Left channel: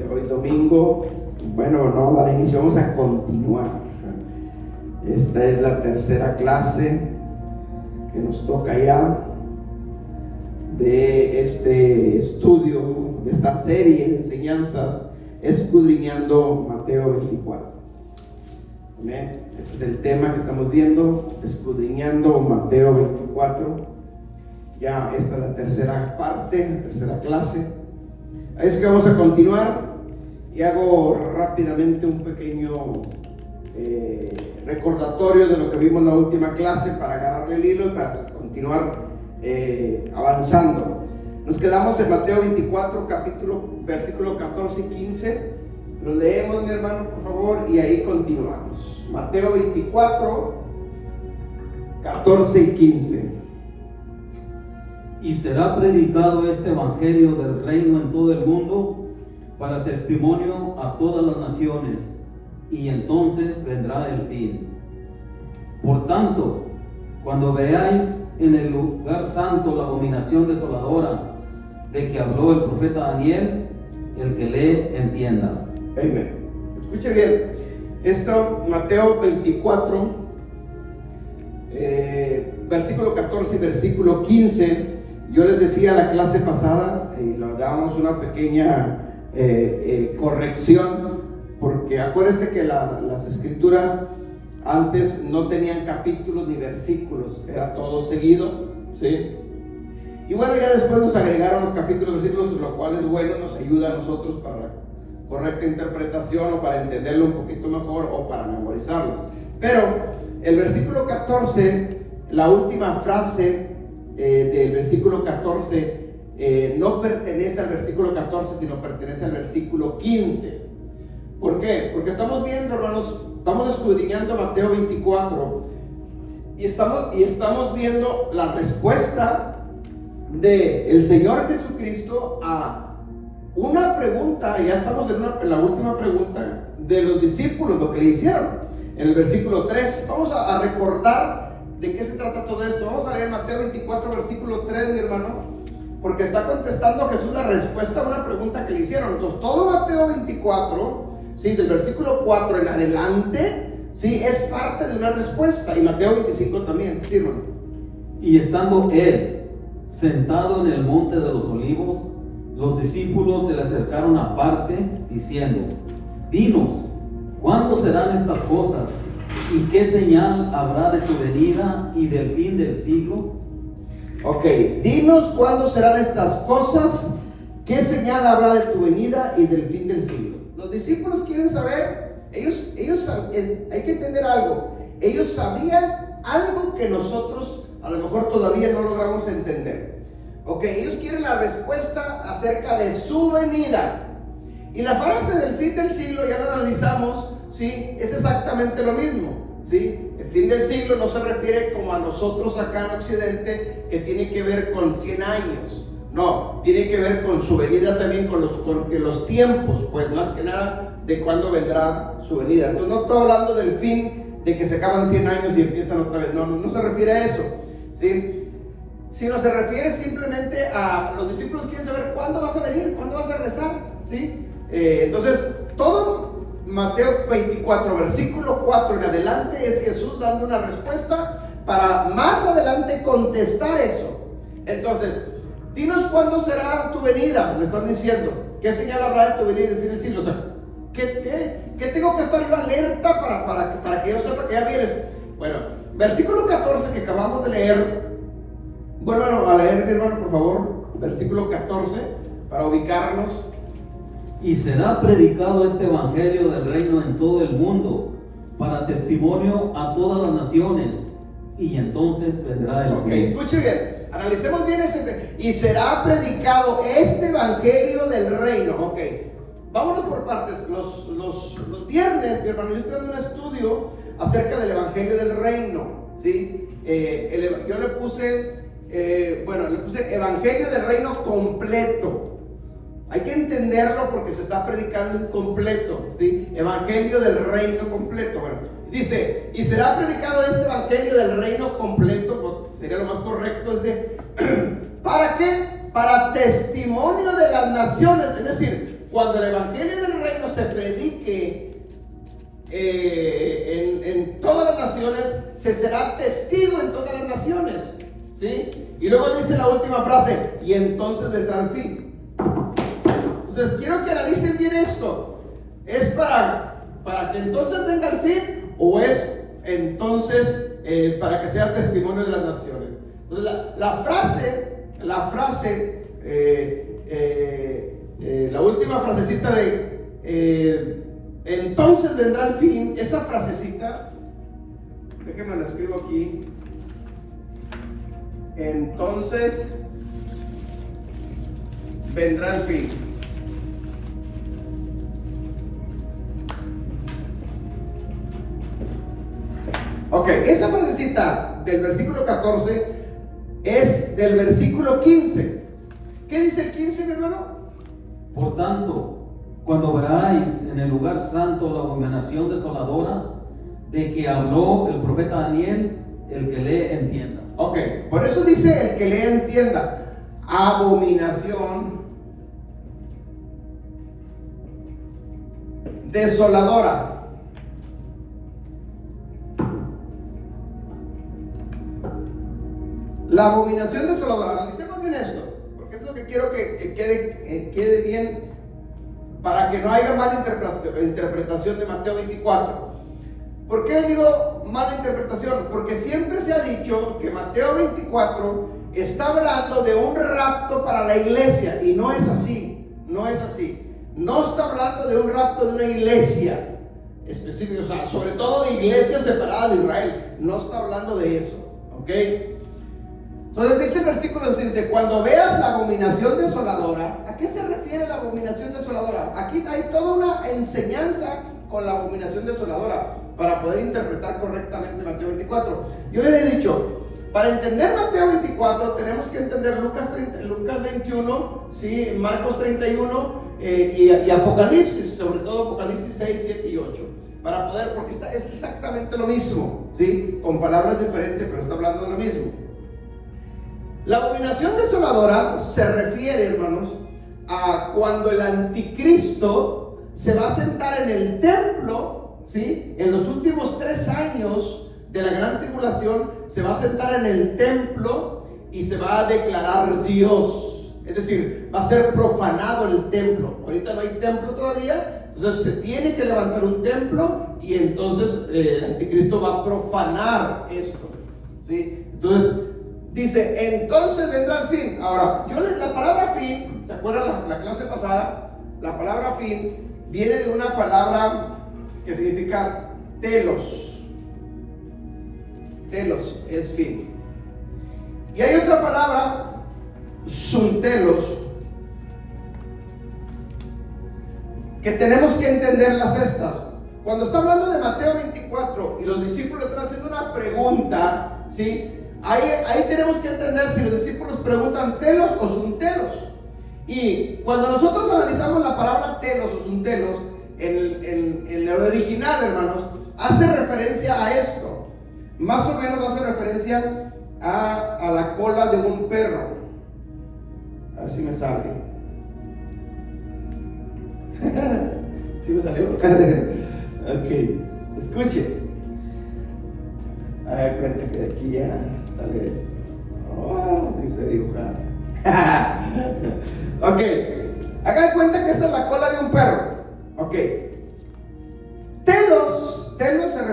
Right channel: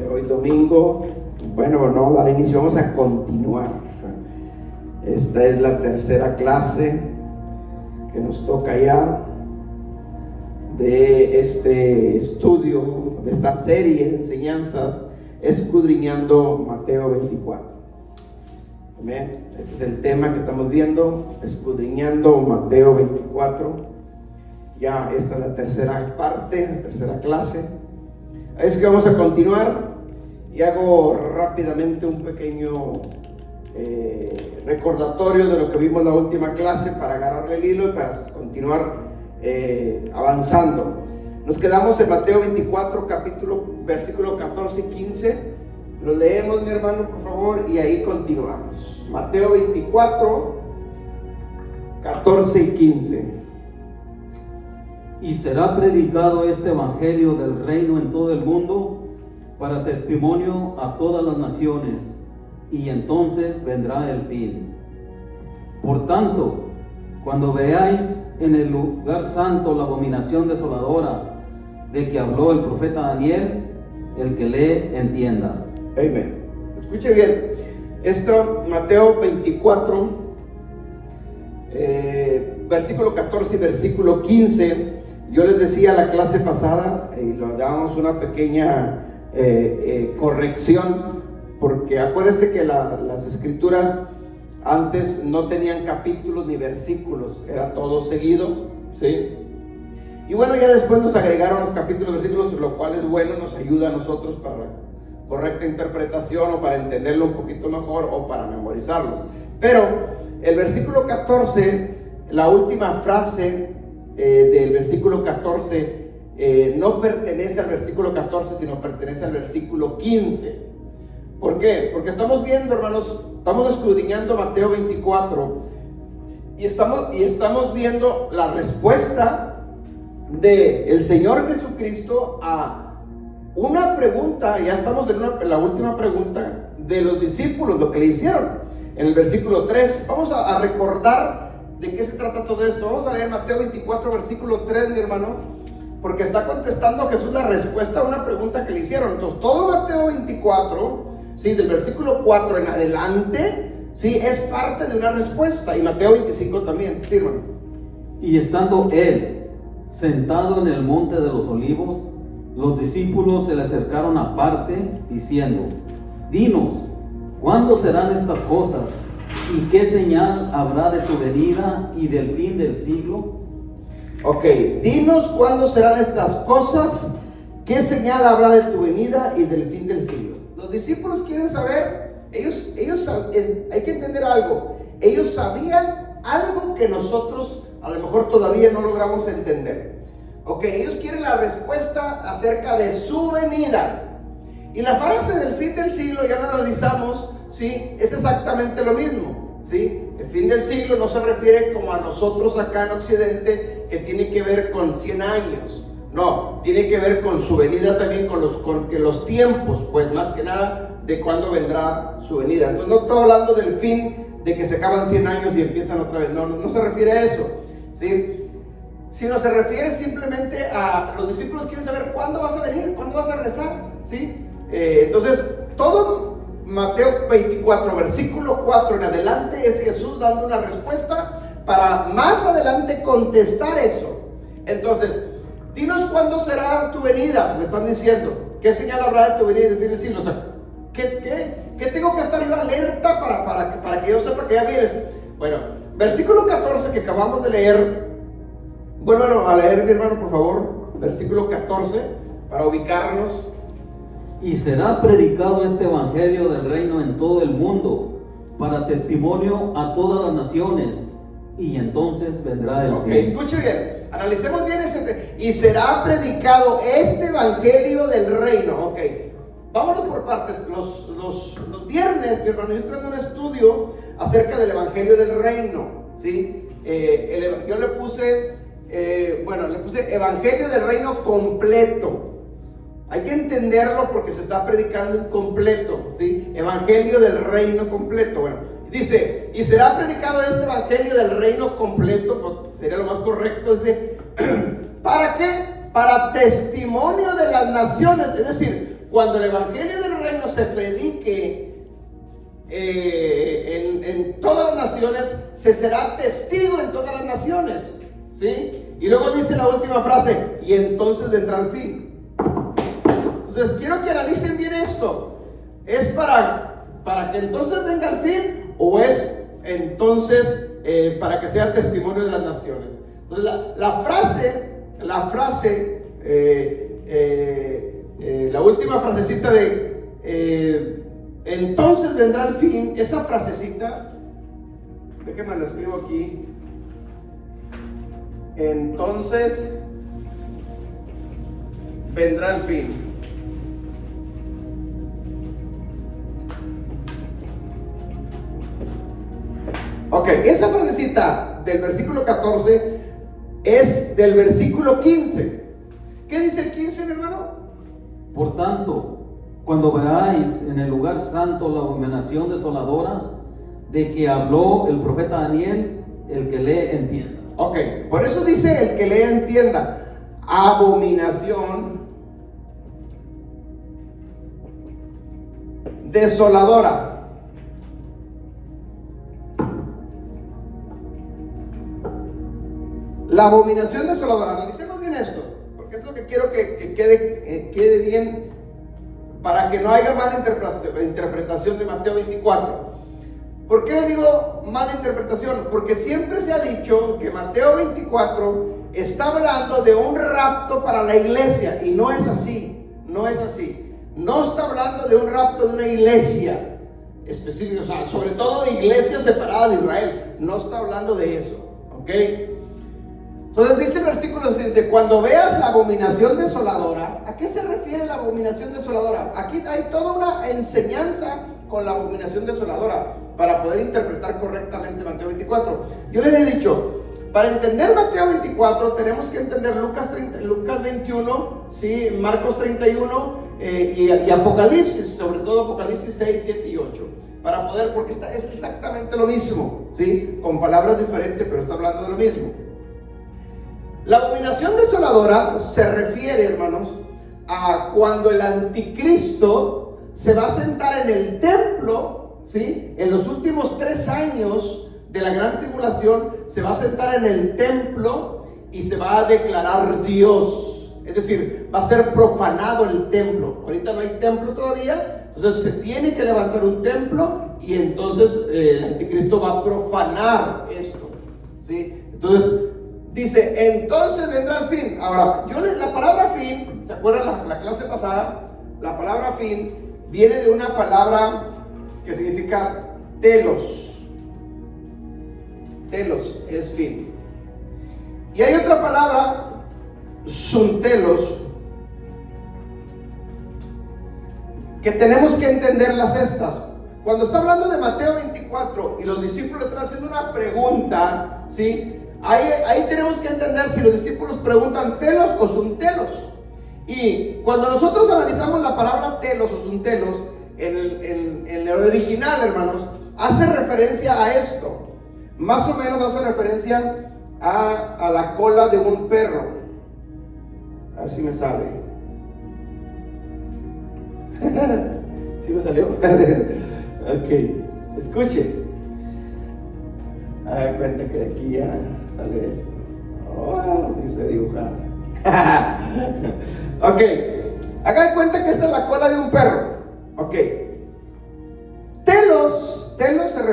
de hoy domingo. Bueno, no dar inicio, vamos a continuar. Esta es la tercera clase que nos toca ya de este estudio, de esta serie de enseñanzas, escudriñando Mateo 24. Amén. Este es el tema que estamos viendo, escudriñando Mateo 24. Ya esta es la tercera parte, la tercera clase. Es que vamos a continuar y hago rápidamente un pequeño recordatorio de lo que vimos la última clase para agarrarle el hilo y para continuar avanzando. Nos quedamos en Mateo 24, versículo 14 y 15. Lo leemos, mi hermano, por favor, y ahí continuamos. Mateo 24, 14 y 15. Y será predicado este evangelio del reino en todo el mundo para testimonio a todas las naciones, y entonces vendrá el fin. Por tanto, cuando veáis en el lugar santo la abominación desoladora de que habló el profeta Daniel, el que lee entienda. Amén. Escuche bien. Esto, Mateo 24, versículo 14 y versículo 15. Yo les decía la clase pasada, y le dábamos una pequeña corrección, porque acuérdense que las escrituras antes no tenían capítulos ni versículos, era todo seguido, ¿sí? Y bueno, ya después nos agregaron los capítulos, versículos, lo cual es bueno, nos ayuda a nosotros para la correcta interpretación o para entenderlo un poquito mejor o para memorizarlos. Pero el versículo 14, la última frase del versículo 14 no pertenece al versículo 14, sino pertenece al versículo 15. ¿Por qué? Porque estamos viendo, hermanos, estamos escudriñando Mateo 24 y estamos viendo la respuesta del Señor Jesucristo a una pregunta. Ya estamos en la última pregunta de los discípulos, lo que le hicieron en el versículo 3. Vamos a recordar ¿de qué se trata todo esto? Vamos a leer Mateo 24, versículo 3, mi hermano, porque está contestando Jesús la respuesta a una pregunta que le hicieron. Entonces, todo Mateo 24, ¿sí? Del versículo 4 en adelante, ¿sí? Es parte de una respuesta. Y Mateo 25 también, sí, hermano. Y estando él sentado en el monte de los olivos, los discípulos se le acercaron aparte, diciendo: Dinos, ¿cuándo serán estas cosas? ¿Y qué señal habrá de tu venida y del fin del siglo? Ok, dinos cuándo serán estas cosas, qué señal habrá de tu venida y del fin del siglo. Los discípulos quieren saber, ellos hay que entender algo. Ellos sabían algo que nosotros a lo mejor todavía no logramos entender. Ok, ellos quieren la respuesta acerca de su venida. Y la frase del fin del siglo, ya lo analizamos, ¿sí? Es exactamente lo mismo, ¿sí? El fin del siglo no se refiere como a nosotros acá en Occidente, que tiene que ver con 100 años. No, tiene que ver con su venida también, con los tiempos, pues más que nada de cuándo vendrá su venida. Entonces no estoy hablando del fin, de que se acaban 100 años y empiezan otra vez. No se refiere a eso, ¿sí? Sino se refiere simplemente a los discípulos quieren saber cuándo vas a venir, cuándo vas a regresar, ¿sí? Entonces, todo Mateo 24, versículo 4 en adelante es Jesús dando una respuesta para más adelante contestar eso. Entonces, dinos cuándo será tu venida, le están diciendo. ¿Qué señal habrá de tu venida y del fin del siglo? O sea, ¿qué tengo que estar yo alerta para que yo sepa que ya vienes? Bueno, versículo 14 que acabamos de leer, vuélvelo a leer, mi hermano, por favor. Versículo 14, para ubicarnos. Y será predicado este evangelio del reino en todo el mundo para testimonio a todas las naciones, y entonces vendrá el fin. Escuche bien, analicemos bien ese. Y será predicado este evangelio del reino. Vámonos por partes. Los viernes, mi hermano, yo estoy dando un estudio acerca del evangelio del reino, ¿sí? Yo le puse evangelio del reino completo. Hay que entenderlo porque se está predicando incompleto, ¿sí? Evangelio del reino completo. Bueno, dice, y será predicado este evangelio del reino completo, pues, sería lo más correcto, ¿para qué? Para testimonio de las naciones, es decir, cuando el evangelio del reino se predique en todas las naciones, se será testigo en todas las naciones, ¿sí? Y luego dice la última frase, y entonces vendrá el fin. Entonces quiero que analicen bien esto. ¿Es para que entonces venga el fin, o es entonces para que sea el testimonio de las naciones? Entonces la última frasecita de entonces vendrá el fin, esa frasecita, déjenme la escribo aquí. Entonces vendrá el fin. Ok, esa frasecita del versículo 14 es del versículo 15. ¿Qué dice el 15, mi hermano? Por tanto, cuando veáis en el lugar santo la abominación desoladora de que habló el profeta Daniel, el que lee entienda. Ok, por eso dice el que lee entienda. Abominación desoladora. La abominación desoladora. Analicemos bien esto, porque es lo que quiero que quede bien, para que no haya mala interpretación de Mateo 24. ¿Por qué digo mala interpretación? Porque siempre se ha dicho que Mateo 24 está hablando de un rapto para la iglesia, y no es así, no es así. No está hablando de un rapto de una iglesia específica, o sea, sobre todo de iglesia separada de Israel. No está hablando de eso, ¿ok? Entonces dice el versículo 6, cuando veas la abominación desoladora. ¿A qué se refiere la abominación desoladora? Aquí hay toda una enseñanza con la abominación desoladora para poder interpretar correctamente Mateo 24. Yo les he dicho, para entender Mateo 24 tenemos que entender Lucas 21, ¿sí? Marcos 31 y Apocalipsis, sobre todo Apocalipsis 6, 7 y 8. Para poder, porque es exactamente lo mismo, ¿sí? Con palabras diferentes, pero está hablando de lo mismo. La abominación desoladora se refiere, hermanos, a cuando el anticristo se va a sentar en el templo, ¿sí? En los últimos 3 años de la gran tribulación, se va a sentar en el templo y se va a declarar Dios. Es decir, va a ser profanado el templo. Ahorita no hay templo todavía, entonces se tiene que levantar un templo y entonces el anticristo va a profanar esto, ¿sí? Entonces dice, entonces vendrá el fin. Ahora, la palabra fin, ¿se acuerdan la clase pasada? La palabra fin viene de una palabra que significa telos. Telos es fin. Y hay otra palabra, suntelos, que tenemos que entenderlas estas. Cuando está hablando de Mateo 24 y los discípulos están haciendo una pregunta, ¿sí? Ahí tenemos que entender si los discípulos preguntan telos o suntelos. Y cuando nosotros analizamos la palabra telos o suntelos en el original, hermanos, hace referencia a esto. Más o menos hace referencia a la cola de un perro. A ver si me sale. ¿Sí me salió? Ok, escuche. Haga cuenta que de aquí ya sale esto. Oh, sí se dibuja. Ok, haga cuenta que esta es la cola de un perro. Ok. Telos se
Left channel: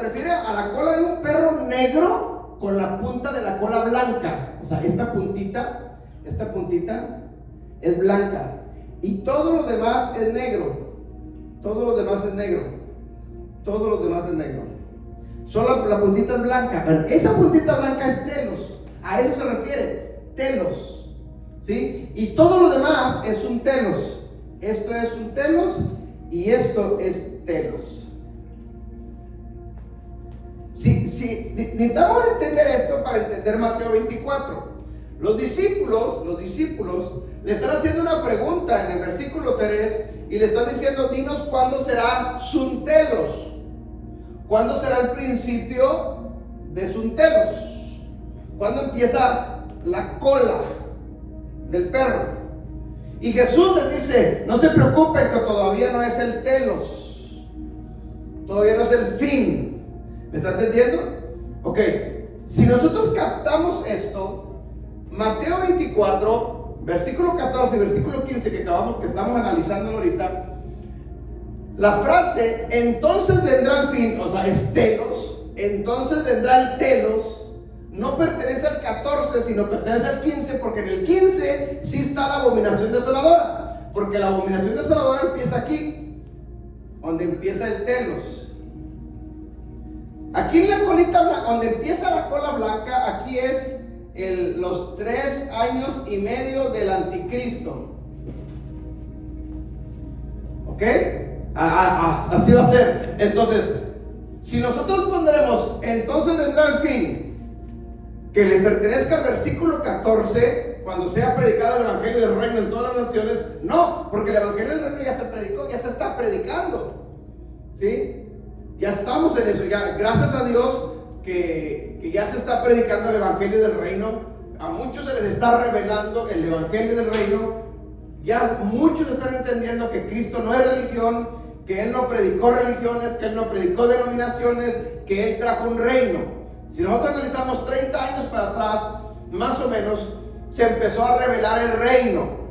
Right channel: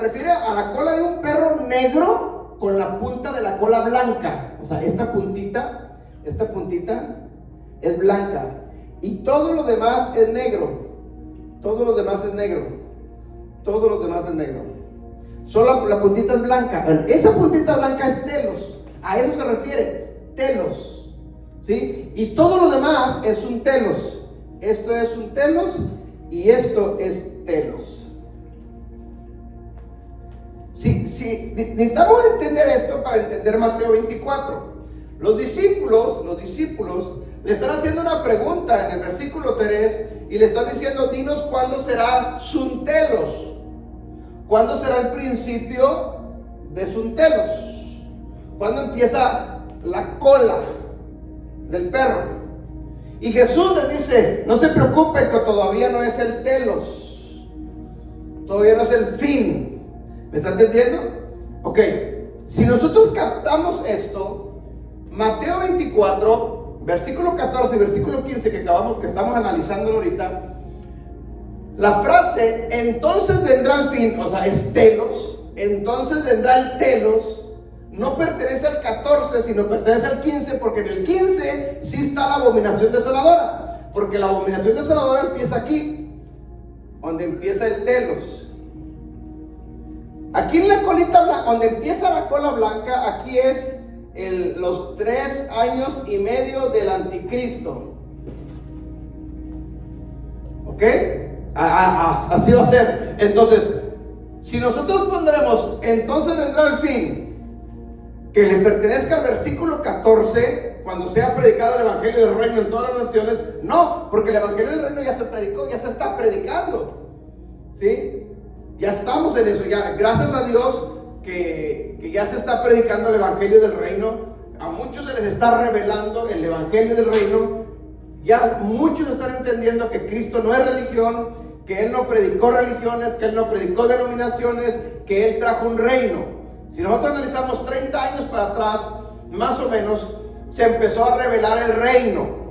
refiere a la cola de un perro negro con la punta de la cola blanca. O sea, esta puntita es blanca. Y todo lo demás es negro. Todo lo demás es negro. Solo la puntita es blanca. Esa puntita blanca es telos. A eso se refiere, telos, ¿sí? Y todo lo demás es un telos. Esto es un telos y esto es telos. Sí, necesitamos entender esto para entender Mateo 24. Los discípulos le están haciendo una pregunta en el versículo 3 y le están diciendo, dinos cuándo será suntelos. ¿Cuándo será el principio de suntelos? ¿Cuándo empieza la cola del perro? Y Jesús les dice, no se preocupen que todavía no es el telos, todavía no es el fin. ¿Me están entendiendo? Ok, si nosotros captamos esto, Mateo 24, versículo 14 y versículo 15 que estamos analizando ahorita, la frase, entonces vendrá el fin, o sea, es telos, entonces vendrá el telos, no pertenece al 14, sino pertenece al 15, porque en el 15 sí está la abominación desoladora, porque la abominación desoladora empieza aquí, donde empieza el telos. Aquí en la colita blanca, donde empieza la cola blanca, aquí es los 3 años y medio del anticristo. ¿Ok? Así va a ser. Entonces, si nosotros pondremos, entonces vendrá el fin, que le pertenezca al versículo 14, cuando sea predicado el evangelio del reino en todas las naciones, no, porque el evangelio del reino ya se predicó, ya se está predicando, ¿sí? Ya estamos en eso, ya, gracias a Dios que ya se está predicando el evangelio del reino. A muchos se les está revelando el evangelio del reino. Ya muchos están entendiendo que Cristo no es religión, que Él no predicó religiones, que Él no predicó denominaciones, que Él trajo un reino. Si nosotros analizamos 30 años para atrás, más o menos, se empezó a revelar el reino.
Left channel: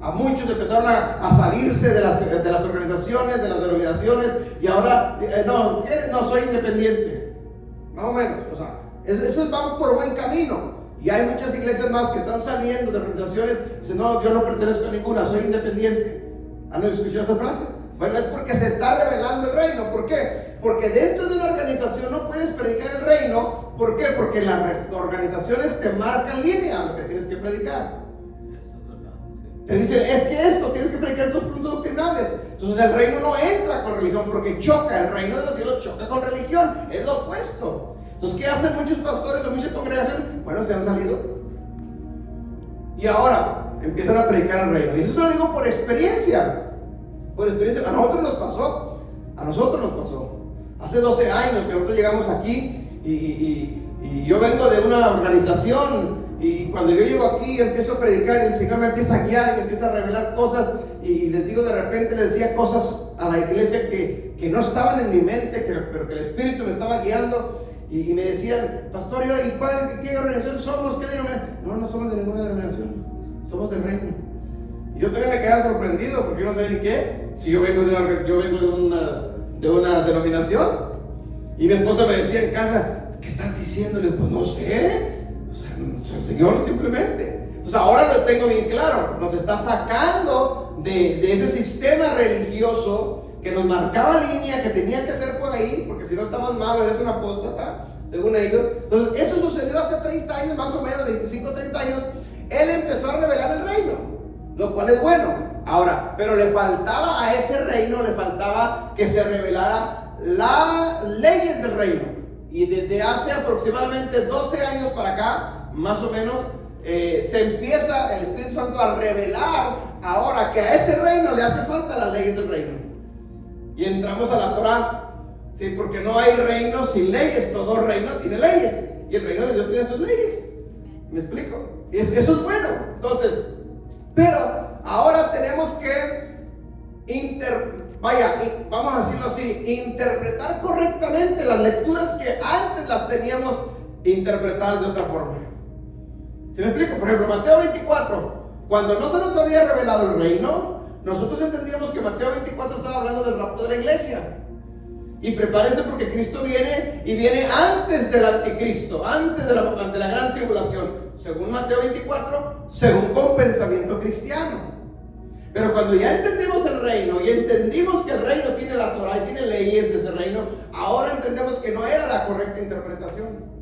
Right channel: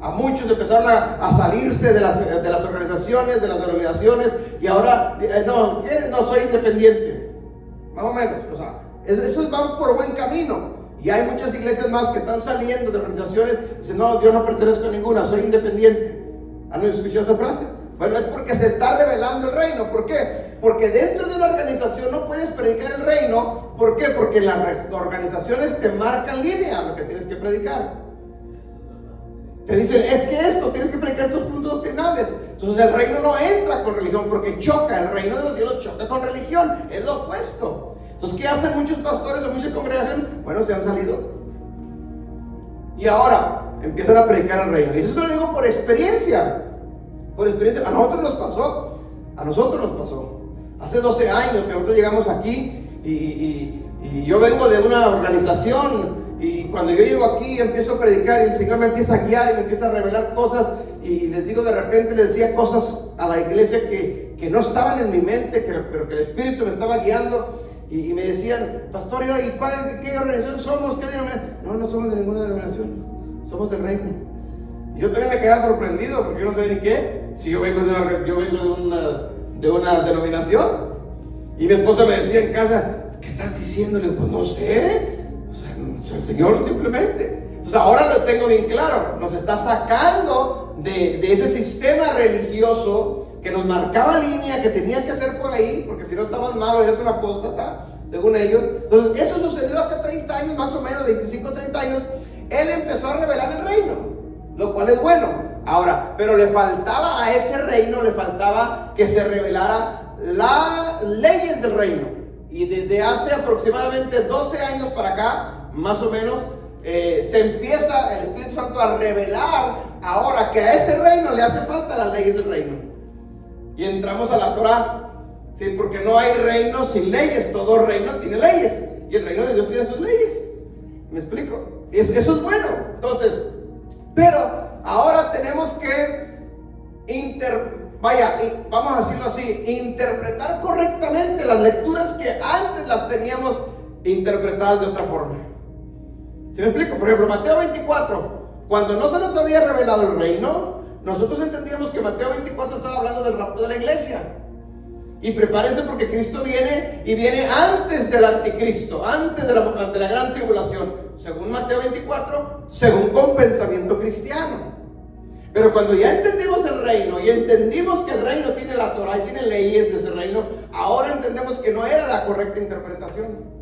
A muchos empezaron a salirse de las organizaciones, de las denominaciones, y ahora, no, soy independiente. Más o menos, o sea, eso vamos por buen camino. Y hay muchas iglesias más que están saliendo de organizaciones y dicen, no, yo no pertenezco a ninguna, soy independiente. ¿Han escuchado esa frase? Bueno, es porque se está revelando el reino. ¿Por qué? Porque dentro de una organización no puedes predicar el reino. ¿Por qué? Porque las organizaciones te marcan línea lo que tienes que predicar. Te dicen, es que esto, tienes que predicar tus puntos doctrinales. Entonces el reino no entra con religión porque choca. El reino de los cielos choca con religión. Es lo opuesto. Entonces, ¿qué hacen muchos pastores o muchas congregaciones? Bueno, se han salido. Y ahora empiezan a predicar el reino. Y eso se lo digo por experiencia. Por experiencia. A nosotros nos pasó. Hace 12 años que nosotros llegamos aquí y yo vengo de una organización. Y cuando yo llego aquí empiezo a predicar y el Señor me empieza a guiar y me empieza a revelar cosas y les digo, de repente les decía cosas a la iglesia que no estaban en mi mente, pero que el Espíritu me estaba guiando y me decían, pastor, ¿y qué organización somos? ¿Qué denominación? No somos de ninguna denominación, somos del reino. Y yo también me quedaba sorprendido porque yo no sabía ni qué, si yo vengo de una denominación. Y mi esposa me decía en casa, ¿qué estás diciendo? Le digo, pues no sé. O sea, el Señor simplemente. Entonces ahora lo tengo bien claro. Nos está sacando de ese sistema religioso que nos marcaba línea, que tenía que hacer por ahí, porque si no estabas malo eres un apóstata, según ellos. Entonces eso sucedió hace 30 años, más o menos, 25, 30 años. Él empezó a revelar el reino, lo cual es bueno. Ahora, pero le faltaba a ese reino, le faltaba que se revelara las leyes del reino. Y desde hace aproximadamente 12 años para acá, más o menos, se empieza el Espíritu Santo a revelar ahora que a ese reino le hace falta las leyes del reino. Y entramos a la Torah, ¿sí? Porque no hay reino sin leyes, todo reino tiene leyes. Y el reino de Dios tiene sus leyes. ¿Me explico? Eso es bueno. Entonces, pero ahora tenemos que vamos a decirlo así, interpretar correctamente las lecturas que antes las teníamos interpretadas de otra forma. ¿Sí me explico? Por ejemplo, Mateo 24, cuando no se nos había revelado el reino, nosotros entendíamos que Mateo 24 estaba hablando del rapto de la iglesia. Y prepárense porque Cristo viene y viene antes del anticristo, antes de la gran tribulación, según Mateo 24, según con pensamiento cristiano. Pero cuando ya entendimos el reino y entendimos que el reino tiene la Torah y tiene leyes de ese reino, ahora entendemos que no era la correcta interpretación,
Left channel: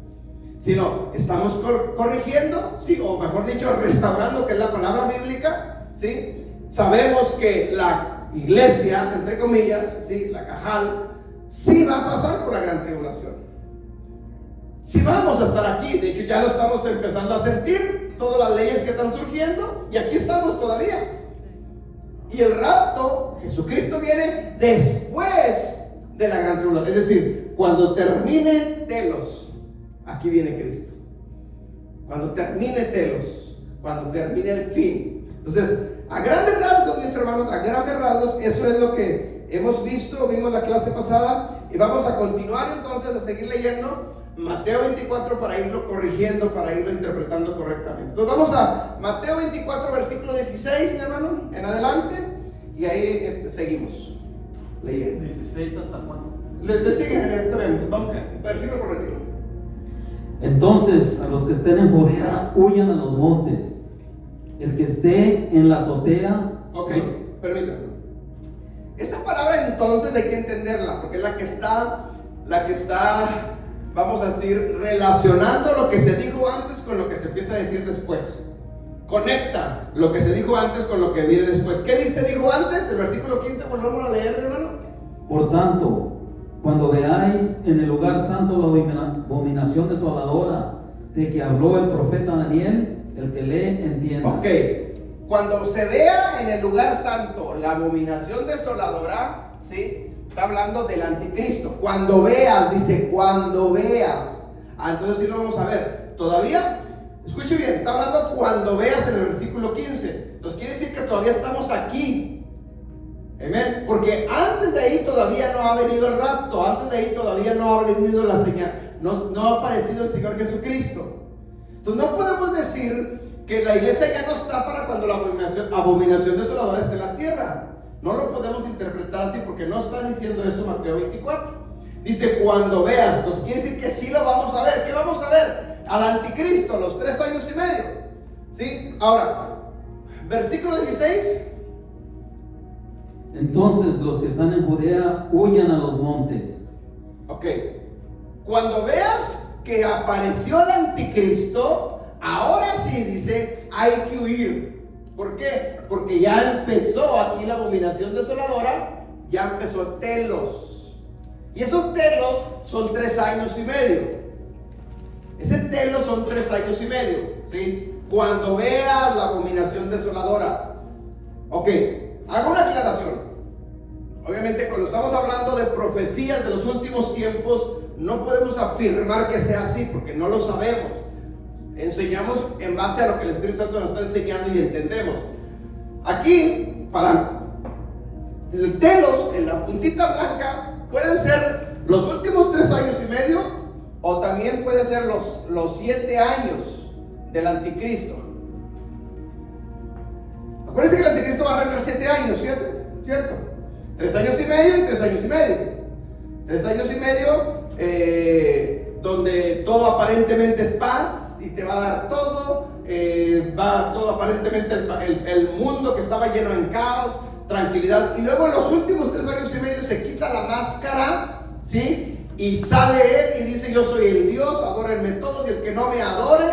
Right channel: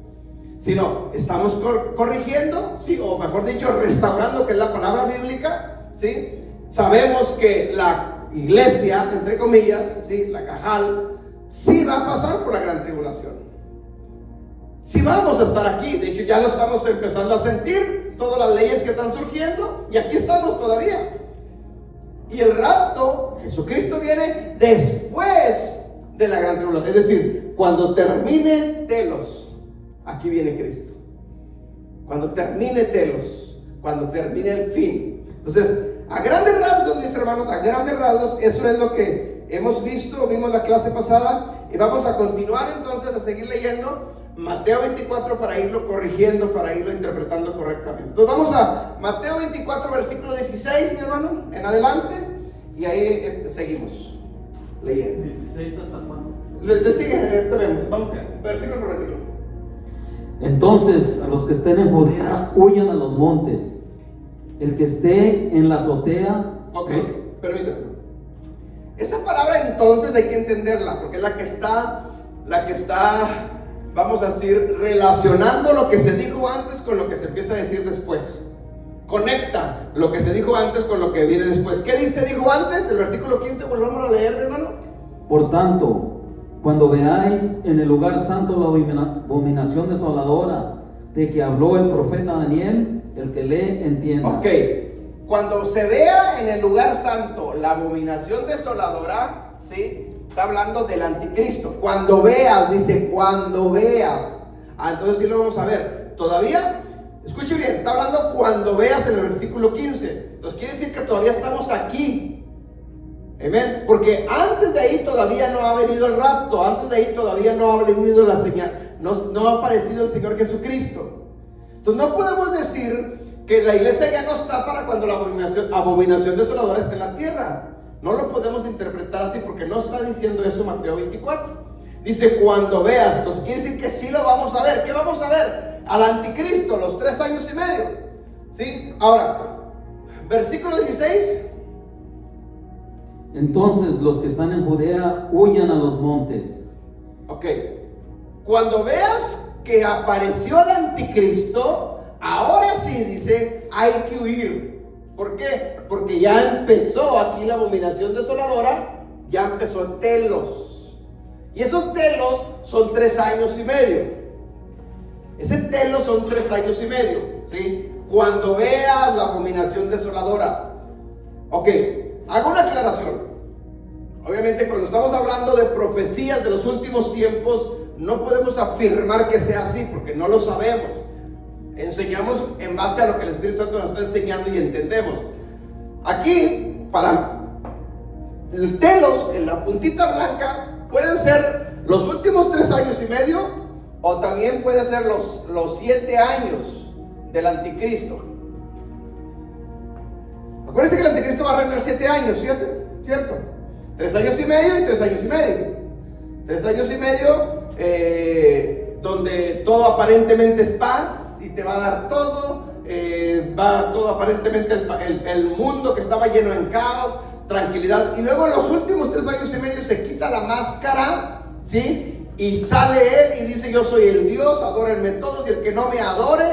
sino estamos corrigiendo, ¿sí? O mejor dicho, restaurando, que es la palabra bíblica, ¿sí? Sabemos que la iglesia, entre comillas, ¿sí? La Cajal, sí va a pasar por la gran tribulación. Sí vamos a estar aquí, de hecho ya lo estamos empezando a sentir, todas las leyes que están surgiendo, y aquí estamos todavía. Y el rapto, Jesucristo viene después de la gran tribulación, es decir, cuando termine telos, aquí viene Cristo. Cuando termine telos, cuando termine el fin. Entonces, a grandes rasgos, mis hermanos, a grandes rasgos, eso es lo que hemos visto, vimos la clase pasada y vamos a continuar entonces a seguir leyendo Mateo 24 para irlo corrigiendo, para irlo interpretando correctamente. Entonces vamos a Mateo 24, versículo 16, mi hermano, en adelante, y ahí seguimos leyendo. 16 hasta cuándo. Le sigue, ahorita vemos, vamos, versículo por versículo. Entonces, a los que estén en Judea, huyan a los montes. El que esté en la azotea. Ok, permítame. Esta palabra entonces hay que entenderla, porque es la que está, vamos a decir, relacionando lo que se dijo antes con lo que se empieza a decir después. Conecta lo que se dijo antes con lo que viene después. ¿Qué dijo antes? El versículo 15, volvamos a leer, hermano. Por tanto, cuando veáis en el lugar santo la abominación desoladora de que habló el profeta Daniel, el que lee entienda. Ok, cuando se vea en el lugar santo la abominación desoladora, ¿sí? Está hablando del anticristo. Cuando veas, dice, cuando veas. Entonces sí lo vamos a ver. Todavía, escuche bien, está hablando cuando veas en el versículo 15. Entonces quiere decir que todavía estamos aquí. Amén. Porque antes de ahí todavía no ha venido el rapto. Antes de ahí todavía no ha venido la señal. No ha aparecido el Señor Jesucristo. Entonces no podemos decir que la iglesia ya no está para cuando la abominación desoladora esté en la tierra. No lo podemos interpretar así porque no está diciendo eso Mateo 24. Dice cuando veas. Entonces quiere decir que sí lo vamos a ver. ¿Qué vamos a ver? Al anticristo, los 3 años y medio. ¿Sí? Ahora, versículo 16. Entonces los que están en Judea huyan a los montes. Ok. Cuando veas que apareció el anticristo, ahora sí dice, hay que huir. ¿Por qué? Porque ya empezó aquí la abominación desoladora, ya empezó telos. Y esos telos son 3 años y medio. Ese telos son 3 años y medio, ¿sí? Cuando veas la abominación desoladora. Ok, hago una aclaración. Obviamente cuando estamos hablando de profecías de los últimos tiempos, no podemos afirmar que sea así, porque no lo sabemos. Enseñamos en base a lo que el Espíritu Santo nos está enseñando y entendemos. Aquí, para el telos, en la puntita blanca, pueden ser los últimos 3 años y medio, o también pueden ser los 7 años del anticristo. Acuérdense que el anticristo va a reinar 7 años, ¿cierto? 3 años y medio y 3 años y medio. 3 años y medio donde todo aparentemente es paz y te va a dar todo. Va todo aparentemente el mundo que estaba lleno en caos, tranquilidad. Y luego en los últimos 3 años y medio se quita la máscara, ¿sí? Y sale él y dice: yo soy el Dios, adórenme todos, y el que no me adore,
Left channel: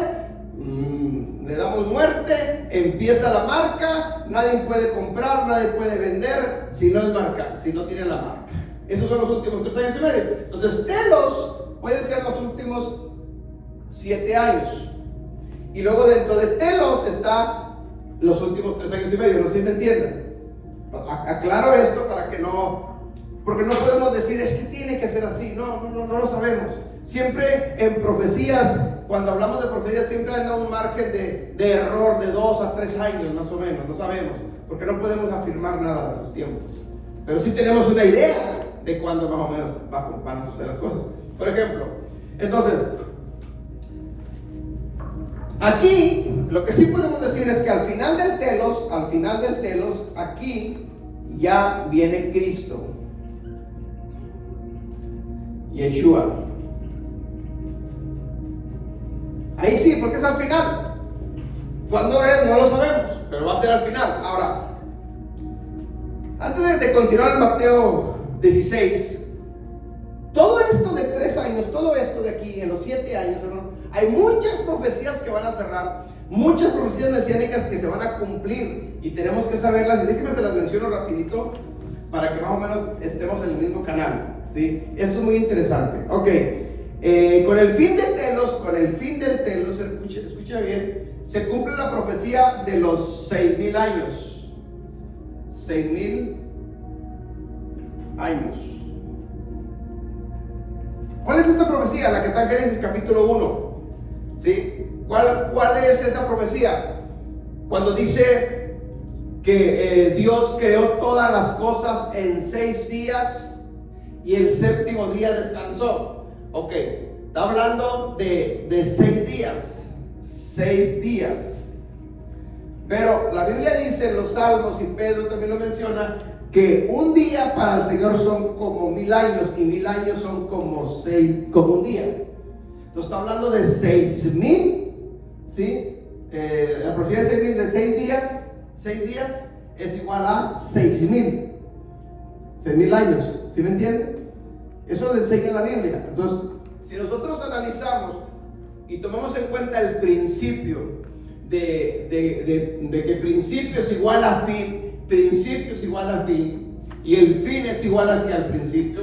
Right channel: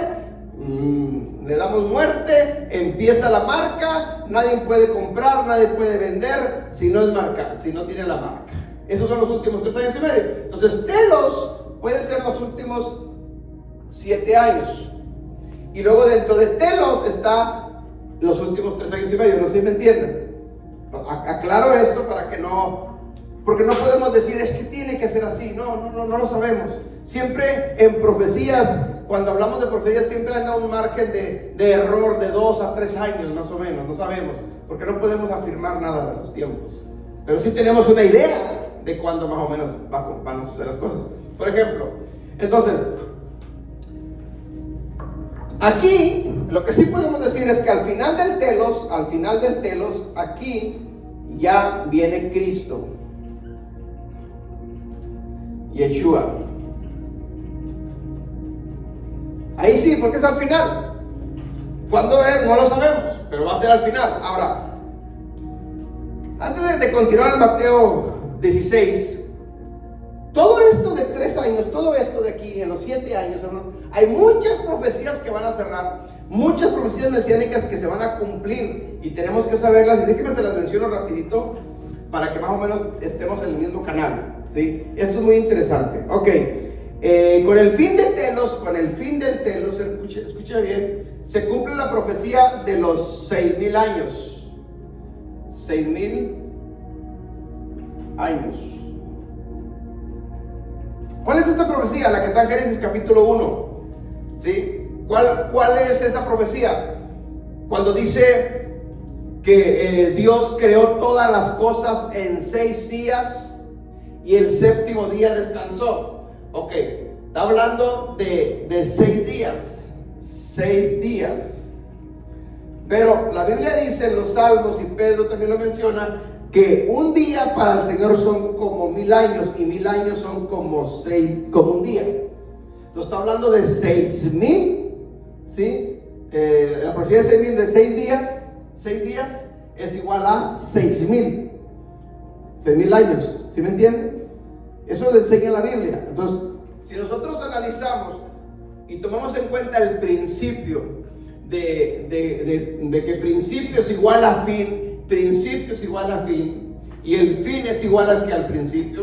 le damos muerte. Empieza la marca, nadie puede comprar, nadie puede vender si no es marca, si no tiene la marca. Esos son los últimos 3 años y medio. Entonces telos puede ser los últimos 7 años, y luego dentro de telos está los últimos 3 años y medio. No sé si me entienden. Aclaro esto para que no, porque no podemos decir es que tiene que ser así. No lo sabemos. Siempre en profecías, cuando hablamos de profecías, siempre anda un margen de error de 2 a 3 años más o menos. No sabemos, porque no podemos afirmar nada de los tiempos, pero sí tenemos una idea de cuándo más o menos van a suceder las cosas. Por ejemplo, entonces, aquí lo que sí podemos decir es que al final del telos, aquí ya viene Cristo, Yeshua. Ahí sí, porque es al final. ¿Cuándo es? No lo sabemos, pero va a ser al final. Ahora, antes de continuar en Mateo 16, todo esto de 3 años, todo esto de aquí, en los 7 años, hermano, hay muchas profecías que van a cerrar, muchas profecías mesiánicas que se van a cumplir, y tenemos que saberlas. Y déjenme se las menciono rapidito para que más o menos estemos en el mismo canal, ¿sí? Esto es muy interesante. Ok, con el fin del telos, escucha bien, se cumple la profecía de los 6,000 años. 6,000 años. ¿Cuál es esta profecía? La que está en Génesis capítulo 1. ¿Sí? ¿Cuál es esa profecía? Cuando dice que Dios creó todas las cosas en 6 días y el séptimo día descansó. Ok, está hablando de 6 días. 6 días. Pero la Biblia dice en los Salmos, y Pedro también lo menciona, que un día para el Señor son como 1000 años, y 1000 años son como un día. Entonces está hablando de 6000, ¿sí? La profecía de 6000 de 6 días es igual a 6000 años, ¿sí me entienden? Eso lo enseña la Biblia. Entonces, si nosotros analizamos y tomamos en cuenta el principio de que principio es igual a fin, principio es igual a fin, y el fin es igual al principio,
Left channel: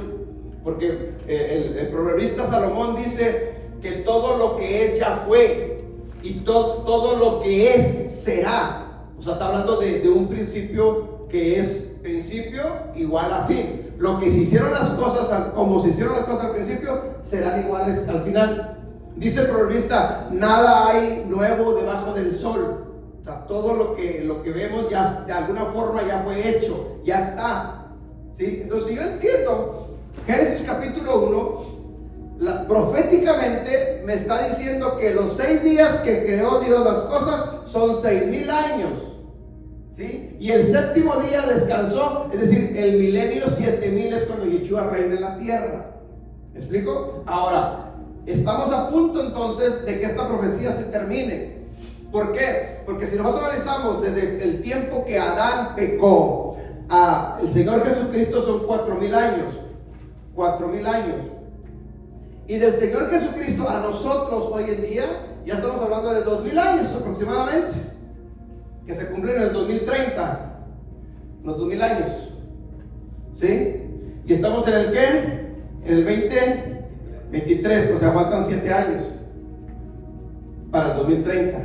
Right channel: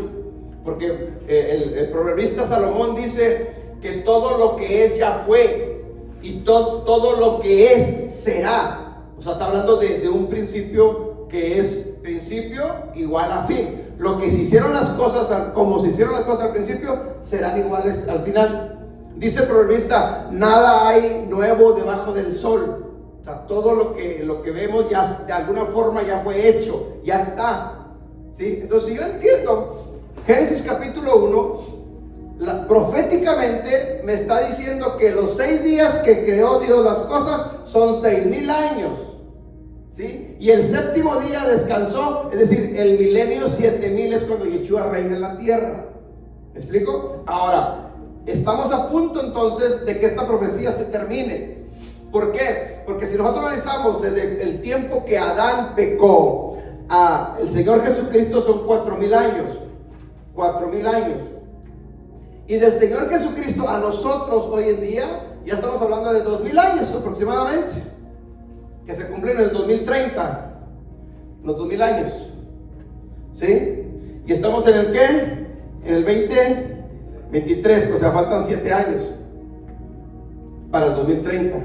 porque el proverbista Salomón dice que todo lo que es ya fue, y todo lo que es será. O sea, está hablando de un principio que es principio igual a fin. Lo que se hicieron las cosas, como se hicieron las cosas al principio, serán iguales al final. Dice el proverbista, nada hay nuevo debajo del sol. O sea, todo lo que vemos ya de alguna forma ya fue hecho, ya está, ¿sí? Entonces, si yo entiendo Génesis capítulo 1, proféticamente me está diciendo que los 6 días que creó Dios las cosas son 6000 años, ¿sí? Y el séptimo día descansó, es decir, el milenio 7000 es cuando Yeshua reina en la tierra. ¿Me explico? Ahora, estamos a punto entonces de que esta profecía se termine. ¿Por qué? Porque si nosotros analizamos desde el tiempo que Adán pecó a el Señor Jesucristo son 4000 años. 4000 años. Y del Señor Jesucristo a nosotros hoy en día ya estamos hablando de 2000 años aproximadamente, que se cumplen en el 2030, los 2000 años, ¿sí? Y estamos en el ¿qué? En el 2023, o sea, faltan 7 años para el 2030.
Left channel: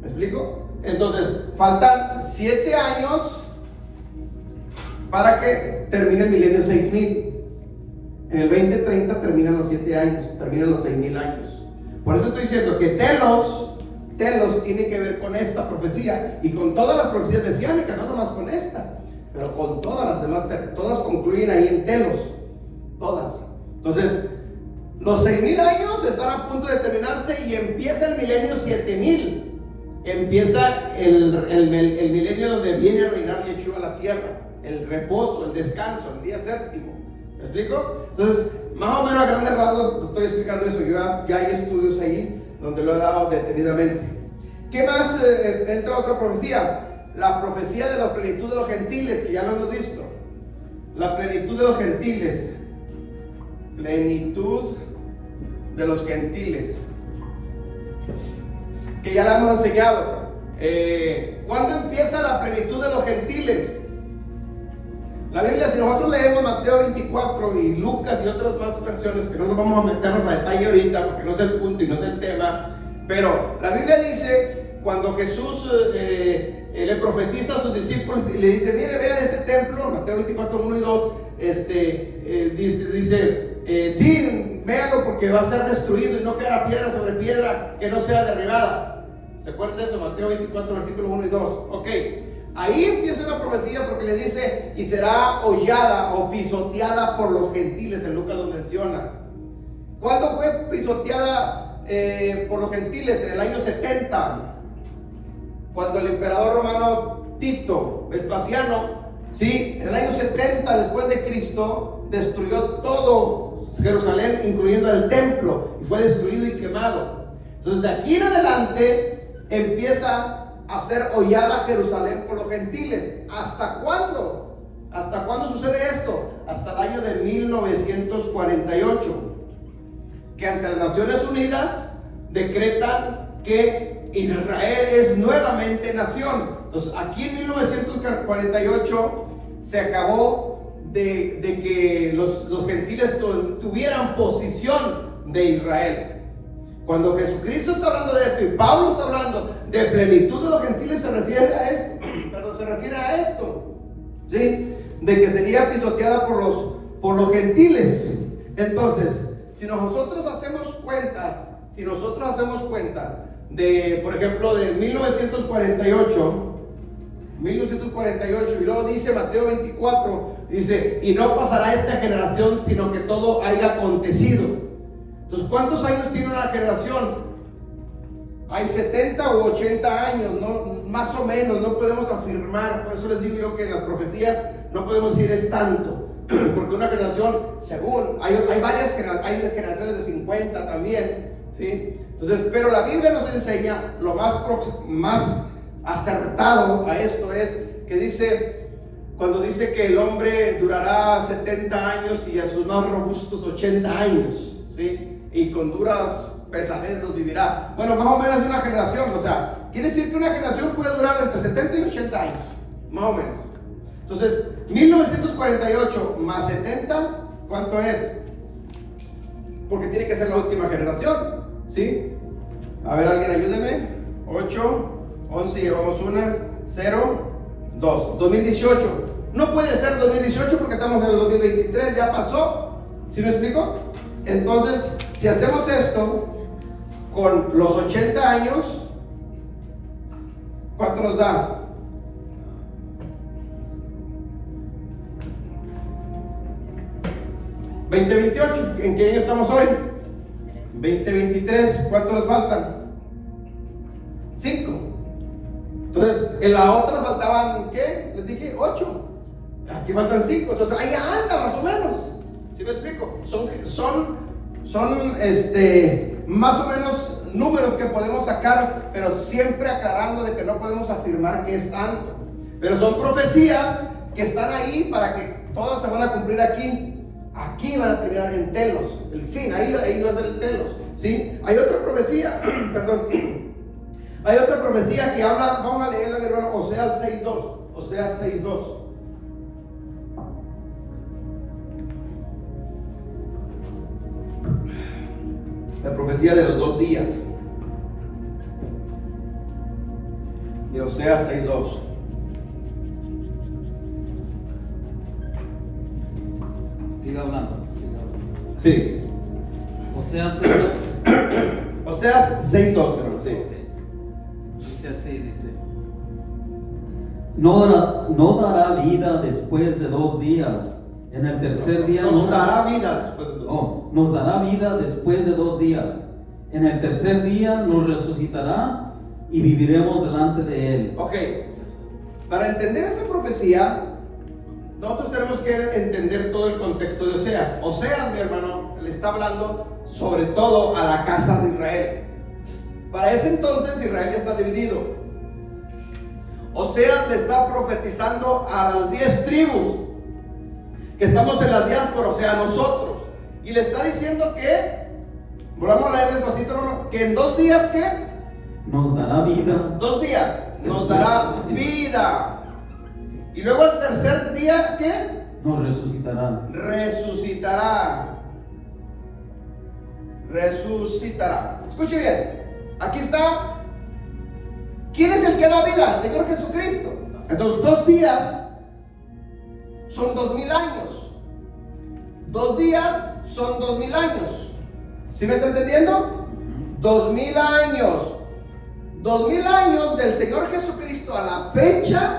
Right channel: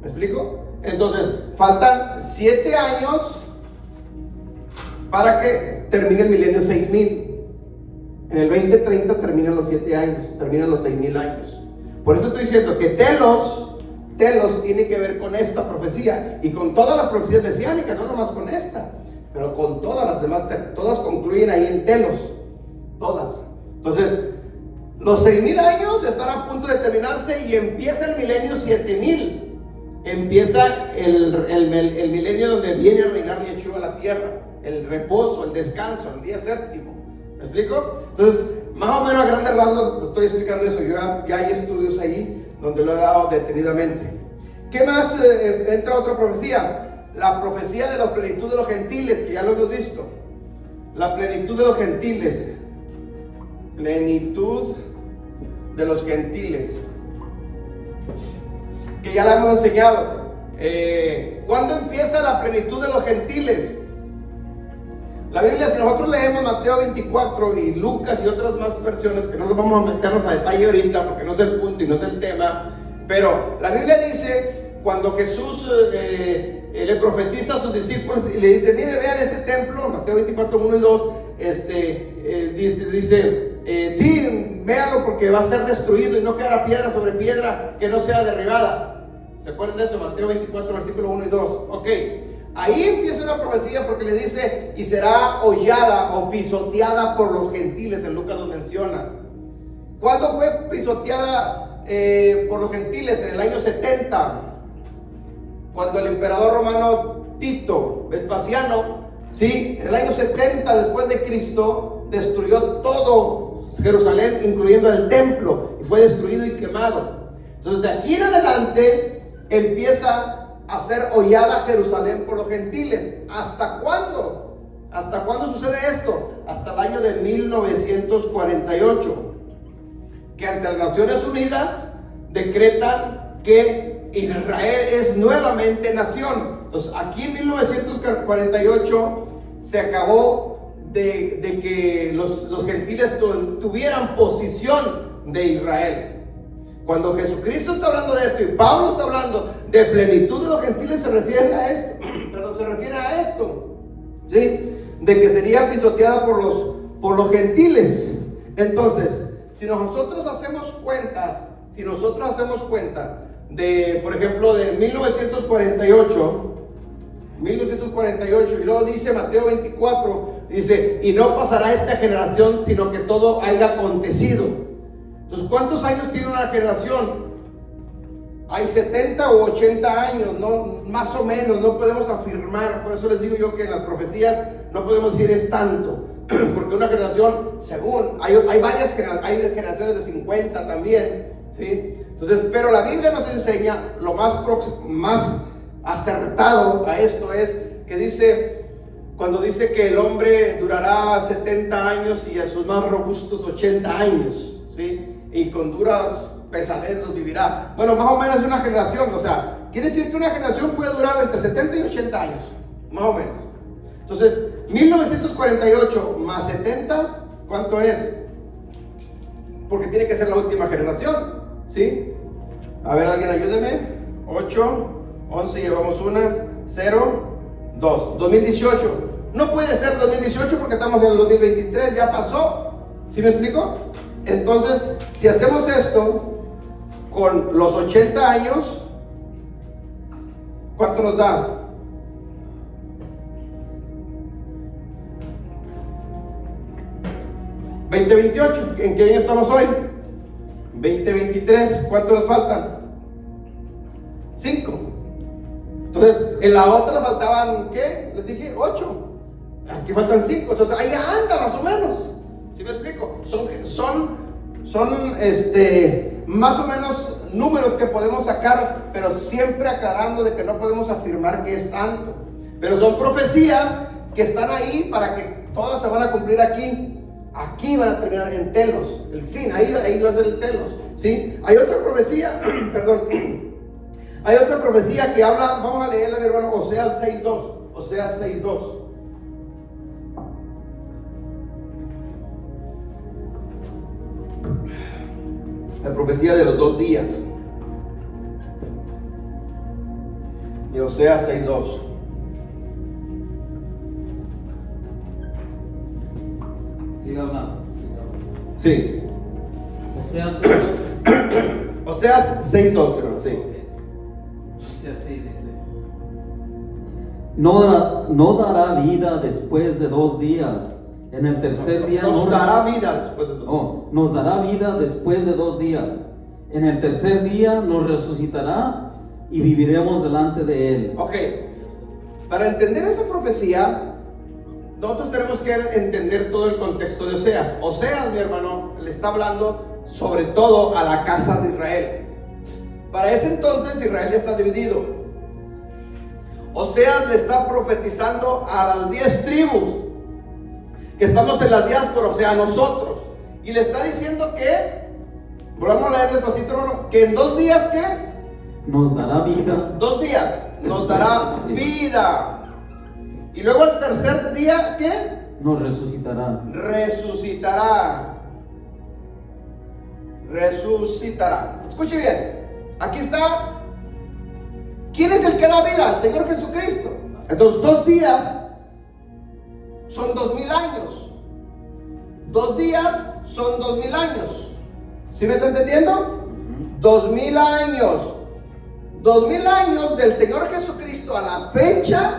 ¿Me explico? Entonces, faltan 7 años para que termine el milenio 6000. En el 2030 terminan los 7 años, terminan los 6000 años. Por eso estoy diciendo que Telos tiene que ver con esta profecía y con todas las profecías mesiánicas, no nomás con esta, pero con todas las demás, todas concluyen ahí en Telos, todas. Entonces, los 6000 años están a punto de terminarse y empieza el milenio 7000. Empieza el milenio donde viene a reinar Yeshua a la tierra, el reposo, el descanso, el día séptimo. ¿Me explico? Entonces, más o menos a grandes rasgos estoy explicando eso. Ya hay estudios ahí donde lo he dado detenidamente. ¿Qué más entra otra profecía? La profecía de la plenitud de los gentiles, que ya lo hemos visto. La plenitud de los gentiles. Plenitud de los gentiles, que ya la hemos enseñado. ¿Cuándo empieza la plenitud de los gentiles? La Biblia, si nosotros leemos Mateo 24 y Lucas y otras más versiones, que no nos vamos a meternos a detalle ahorita porque no es el punto y no es el tema, pero la Biblia dice, cuando Jesús le profetiza a sus discípulos y le dice, mire, vean este templo, Mateo 24, 1 y 2, dice, sí, véanlo porque va a ser destruido y no quedará piedra sobre piedra que no sea derribada. ¿Se acuerdan de eso? Mateo 24, versículo 1 y 2. Ok, ahí empieza una profecía porque le dice, y será hollada o pisoteada por los gentiles. En Lucas lo menciona. ¿Cuándo fue pisoteada por los gentiles? En el año 70, cuando el emperador romano Tito Vespasiano, ¿sí? En el año 70 después de Cristo, destruyó todo Jerusalén, incluyendo el templo, y fue destruido y quemado. Entonces, de aquí en adelante empieza a ser hollada Jerusalén por los gentiles. ¿Hasta cuándo? ¿Hasta cuándo sucede esto? Hasta el año de 1948, que ante las Naciones Unidas decretan que Israel es nuevamente nación. Entonces, aquí en 1948 se acabó de que los gentiles tuvieran posición de Israel. Cuando Jesucristo está hablando de esto y Pablo está hablando de plenitud de los gentiles, se refiere a esto, ¿sí? De que sería pisoteada por los gentiles. Entonces, si nosotros hacemos cuenta de, por ejemplo, de 1948 1948, y luego dice Mateo 24, dice, y no pasará esta generación, sino que todo haya acontecido. Entonces, ¿cuántos años tiene una generación? Hay 70 u 80 años, ¿no? Más o menos, no podemos afirmar. Por eso les digo yo que en las profecías no podemos decir es tanto, porque una generación, según, hay varias hay generaciones de 50 también, ¿sí? Entonces, pero la Biblia nos enseña lo más acertado a esto es que dice, cuando dice que el hombre durará 70 años y a sus más robustos 80 años, ¿sí? Y con duras pesadez los vivirá. Bueno, más o menos una generación, o sea, quiere decir que una generación puede durar entre 70 y 80 años, más o menos. Entonces, 1948 más 70, ¿cuánto es? Porque tiene que ser la última generación, ¿sí? A ver, alguien ayúdeme. 8, 11, llevamos 1, 0, 2. 2018. No puede ser 2018 porque estamos en el 2023, ya pasó. ¿Sí me explico? Entonces, si hacemos esto con los 80 años, ¿cuánto nos da? ¿2028? ¿En qué año estamos hoy? 2023. ¿Cuánto nos faltan? 5. Entonces, en la otra faltaban, ¿qué? Les dije 8. Aquí faltan 5. Entonces, ahí anda más o menos. ¿Sí me explico? Son más o menos números que podemos sacar, pero siempre aclarando de que no podemos afirmar que es tanto. Pero son profecías que están ahí para que todas se van a cumplir aquí. Aquí van a terminar en telos. El fin, ahí va a ser el telos. ¿Sí? Hay otra profecía, perdón. Hay otra profecía que habla, vamos a leerla, mi hermano, Oseas 6:2. Oseas 6:2. La profecía de los 2 días. De Oseas 6:2. Siga hablando. Sí. Oseas 6:2. Oseas 6:2, pero sí. Dice así, dice. No dará vida después de 2 días. En el tercer día nos dará vida después de 2 días. Nos dará vida después de 2 días. En el tercer día nos resucitará y viviremos delante de él. Ok. Para entender esa profecía, nosotros tenemos que entender todo el contexto de Oseas. Oseas, mi hermano, le está hablando sobre todo a la casa de Israel. Para ese entonces Israel ya está dividido. Oseas le está profetizando a las 10 tribus que estamos en la diáspora, o sea, a nosotros. Y le está diciendo que, vamos a leer despacito, hermano, que en 2 días, ¿qué? Nos dará vida. 2 días, nos dará vida. Y luego el tercer día, ¿qué? Nos resucitará. Resucitará. Escuche bien. Aquí está. ¿Quién es el que da vida? El Señor Jesucristo. Entonces 2 días son 2000 años. 2 días son 2000 años. ¿Sí me está entendiendo? 2000 años. 2000 años del Señor Jesucristo a la fecha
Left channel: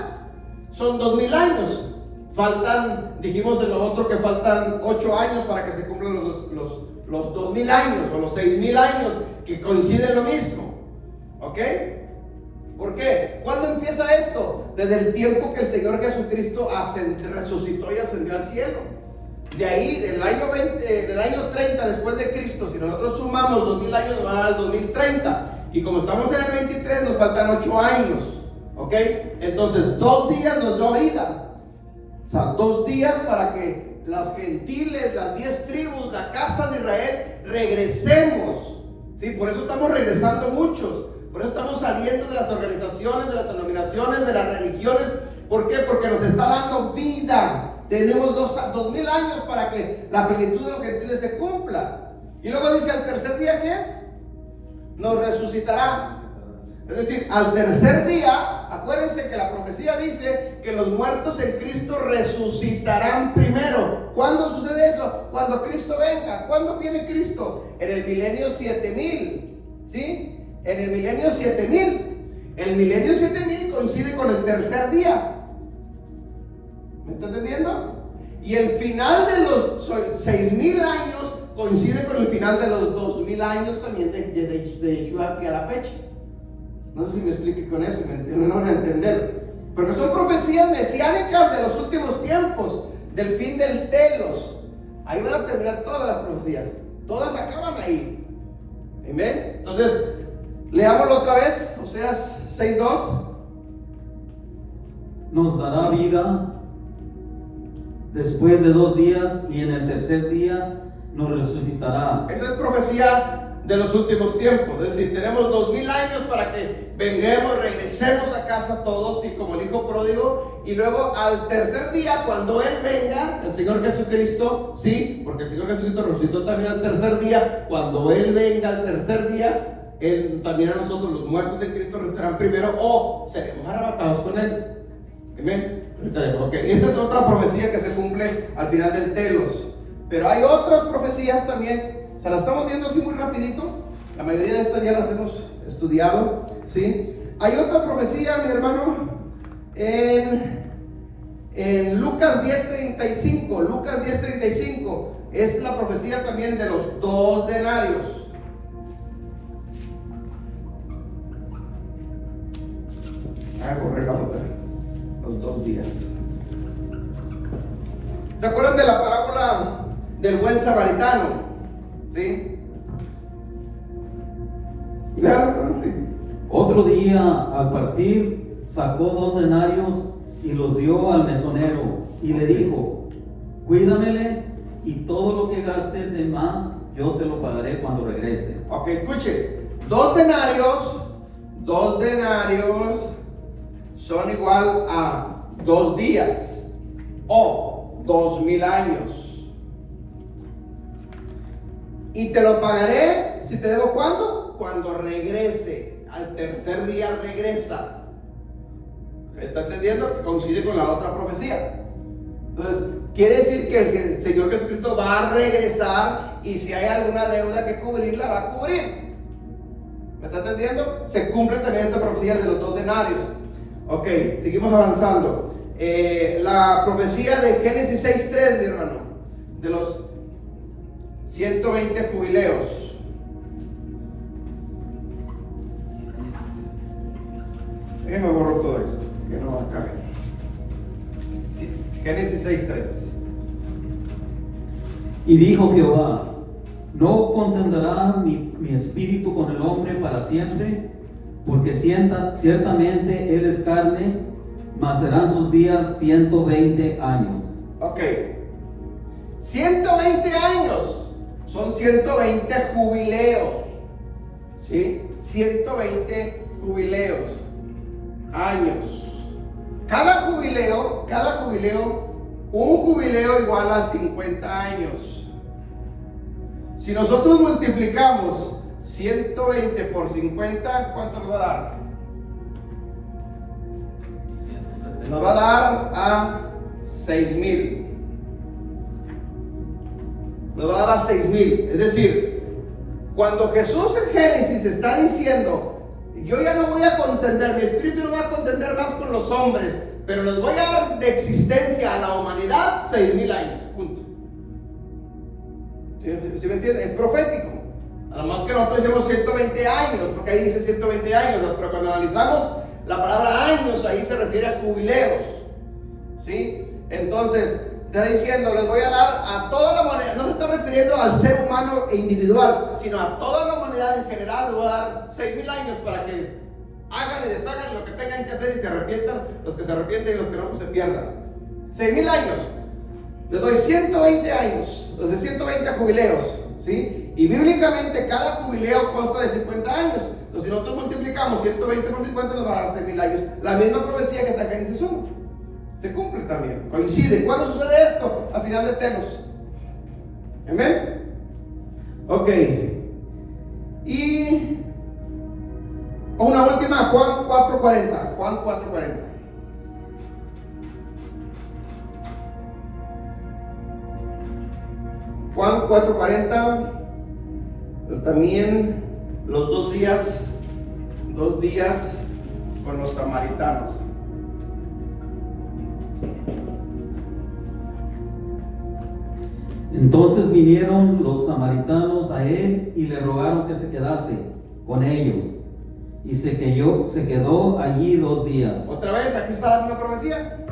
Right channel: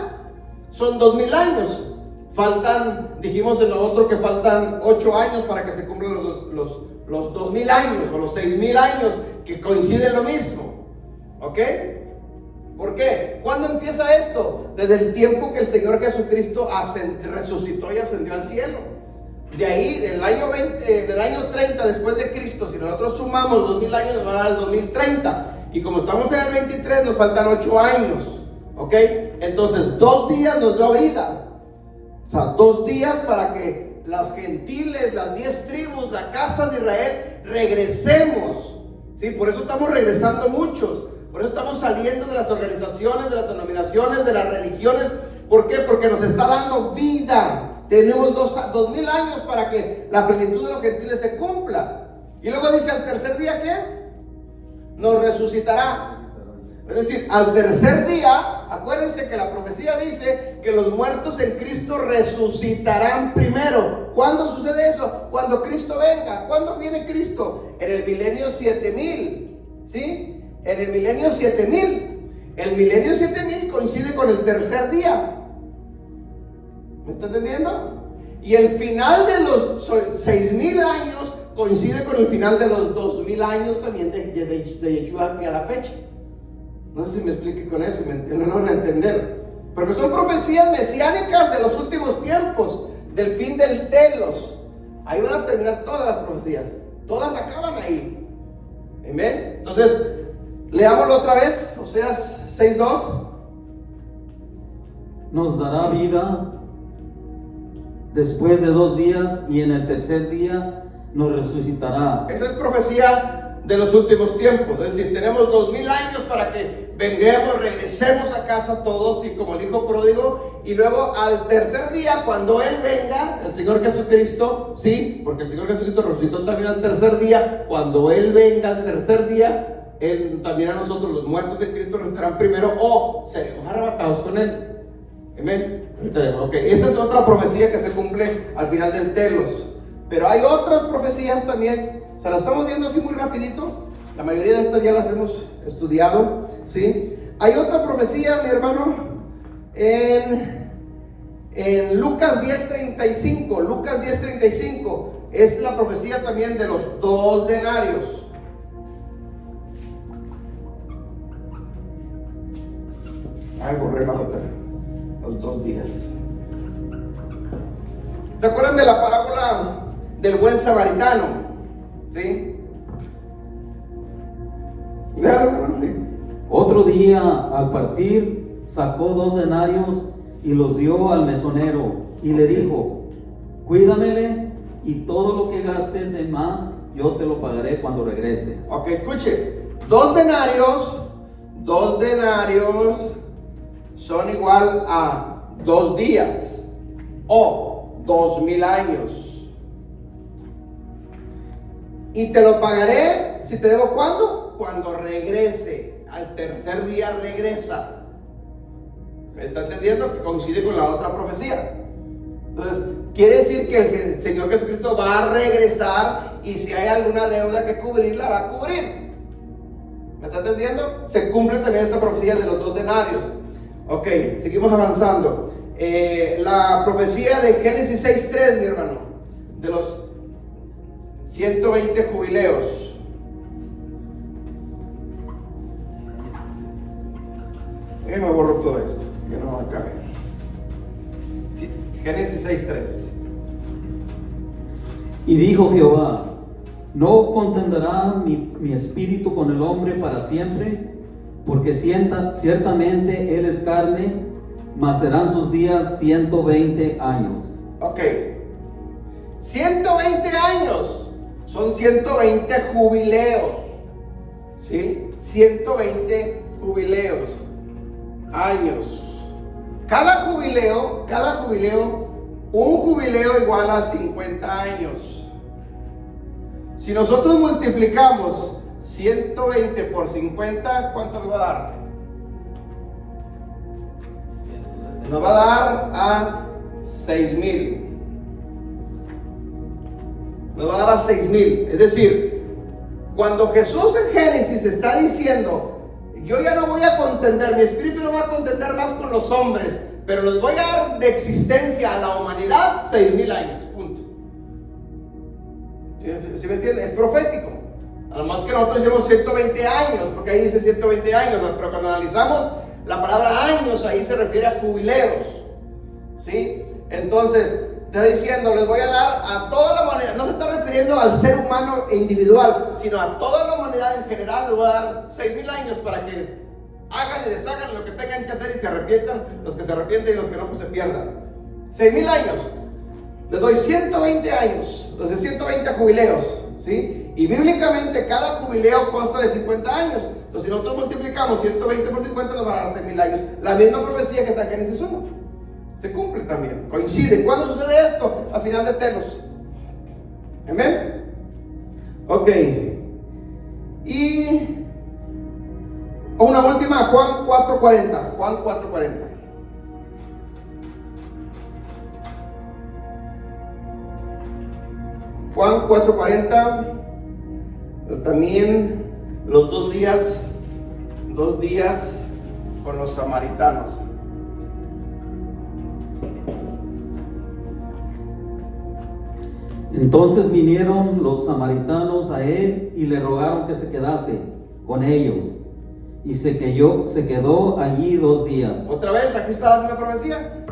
son 2000 años. Faltan, dijimos en lo otro que faltan 8 años para que se cumplan los 2000 años o los 6000 años, que coinciden lo mismo. ¿Ok? ¿Por qué? ¿Cuándo empieza esto? Desde el tiempo que el Señor Jesucristo resucitó y ascendió al cielo. De ahí, del año 30 después de Cristo, si nosotros sumamos 2000 años, nos van a dar el 2030. Y como estamos en el 23, nos faltan 8 años. ¿Ok? Entonces, 2 días nos dio vida. O sea, 2 días para que los gentiles, las 10 tribus, la casa de Israel, regresemos. ¿Sí? Por eso estamos regresando muchos. Por eso estamos saliendo de las organizaciones, de las denominaciones, de las religiones. ¿Por qué? Porque nos está dando vida. Tenemos 2000 años para que la plenitud de los gentiles se cumpla. Y luego dice, al tercer día, ¿qué? Nos resucitará. Es decir, al tercer día, acuérdense que la profecía dice que los muertos en Cristo resucitarán primero. ¿Cuándo sucede eso? Cuando Cristo venga. ¿Cuándo viene Cristo? En el milenio 7000. ¿Sí? En el milenio 7000. El milenio 7000 coincide con el tercer día. ¿Me está entendiendo? Y el final de los 6000 años coincide con el final de los 2000 años también de Yeshua aquí a la fecha. No sé si me explique con eso, me van a entender. Porque son profecías mesiánicas de los últimos tiempos, del fin del telos. Ahí van a terminar todas las profecías. Todas acaban ahí. Amén. Entonces, leámoslo otra vez. Oseas 6:2. Nos dará vida después de 2 días, y en el tercer día nos resucitará. Esa es profecía de los últimos tiempos. Es decir, tenemos 2000 años para que venguemos, regresemos a casa todos, y como el hijo pródigo, y luego al tercer día, cuando Él venga, el Señor Jesucristo, sí, porque el Señor Jesucristo resucitó también al tercer día. Cuando Él venga al tercer día, Él también a nosotros, los muertos en Cristo, resucitarán primero, o seremos arrebatados con Él. Amén. Okay. Esa es otra profecía que se cumple al final del telos. Pero hay otras profecías también. O sea, las estamos viendo así muy rapidito. La mayoría de estas ya las hemos estudiado, ¿sí? Hay otra profecía, mi hermano, en Lucas 10:35. Lucas 10:35 es la profecía también de los 2 denarios. Ay, borré la otra. Los 2 días. ¿Se acuerdan de la parábola del buen samaritano? ¿Sí? Otro día, al partir, sacó 2 denarios y los dio al mesonero y le dijo: cuídamele, y todo lo que gastes de más yo te lo pagaré cuando regrese. Ok, escuche. 2 denarios son igual a 2 días o 2000 años. Y te lo pagaré, si te debo, ¿cuándo? Cuando regrese. Al tercer día regresa. ¿Me está entendiendo? Que coincide con la otra profecía. Entonces, quiere decir que el Señor Jesucristo va a regresar, y si hay alguna deuda que cubrir, la va a cubrir. ¿Me está entendiendo? Se cumple también esta profecía de los 2 denarios. Ok, seguimos avanzando. La profecía de Génesis 6:3, mi hermano, de los 120 jubileos. Déjenme borrar todo esto, que no va a caber. Sí, Génesis 6:3. Y dijo Jehová: ¿no contenderá mi espíritu con el hombre para siempre? Porque ciertamente él es carne, mas serán sus días 120 años. Ok, 120 años. Son 120 jubileos, ¿sí? 120 jubileos, años. Cada jubileo, un jubileo igual a 50 años. Si nosotros multiplicamos 120 por 50, ¿cuánto nos va a dar? Nos va a dar a 6000. Nos va a dar a 6000. Es decir, cuando Jesús en Génesis está diciendo: yo ya no voy a contender, mi espíritu no va a contender más con los hombres, pero les voy a dar de existencia a la humanidad 6000 años, punto. ¿Sí me entienden? Es profético. Además que nosotros decimos 120 años, porque ahí dice 120 años, pero cuando analizamos la palabra años, ahí se refiere a jubileos, ¿sí? Entonces, está diciendo: les voy a dar a toda la humanidad. No se está refiriendo al ser humano individual, sino a toda la humanidad en general. Les voy a dar 6000 años para que hagan y deshagan lo que tengan que hacer y se arrepientan. Los que se arrepienten y los que no, pues se pierdan. 6000 años. Les doy 120 años, los de 120 jubileos, ¿sí? Y bíblicamente cada jubileo consta de 50 años. Entonces, si nosotros multiplicamos 120 por 50, nos va a dar 6000 años. La misma profecía que está en Génesis 1 se cumple también, coincide. ¿Cuándo sucede esto? A final de telos. Amén. Ok. Y una última, Juan 4:40. Juan 4:40. Juan 4:40. También los 2 días con los samaritanos. Entonces vinieron los samaritanos a él y le rogaron que se quedase con ellos. Y se quedó allí 2 días. Otra vez, aquí está la misma profecía.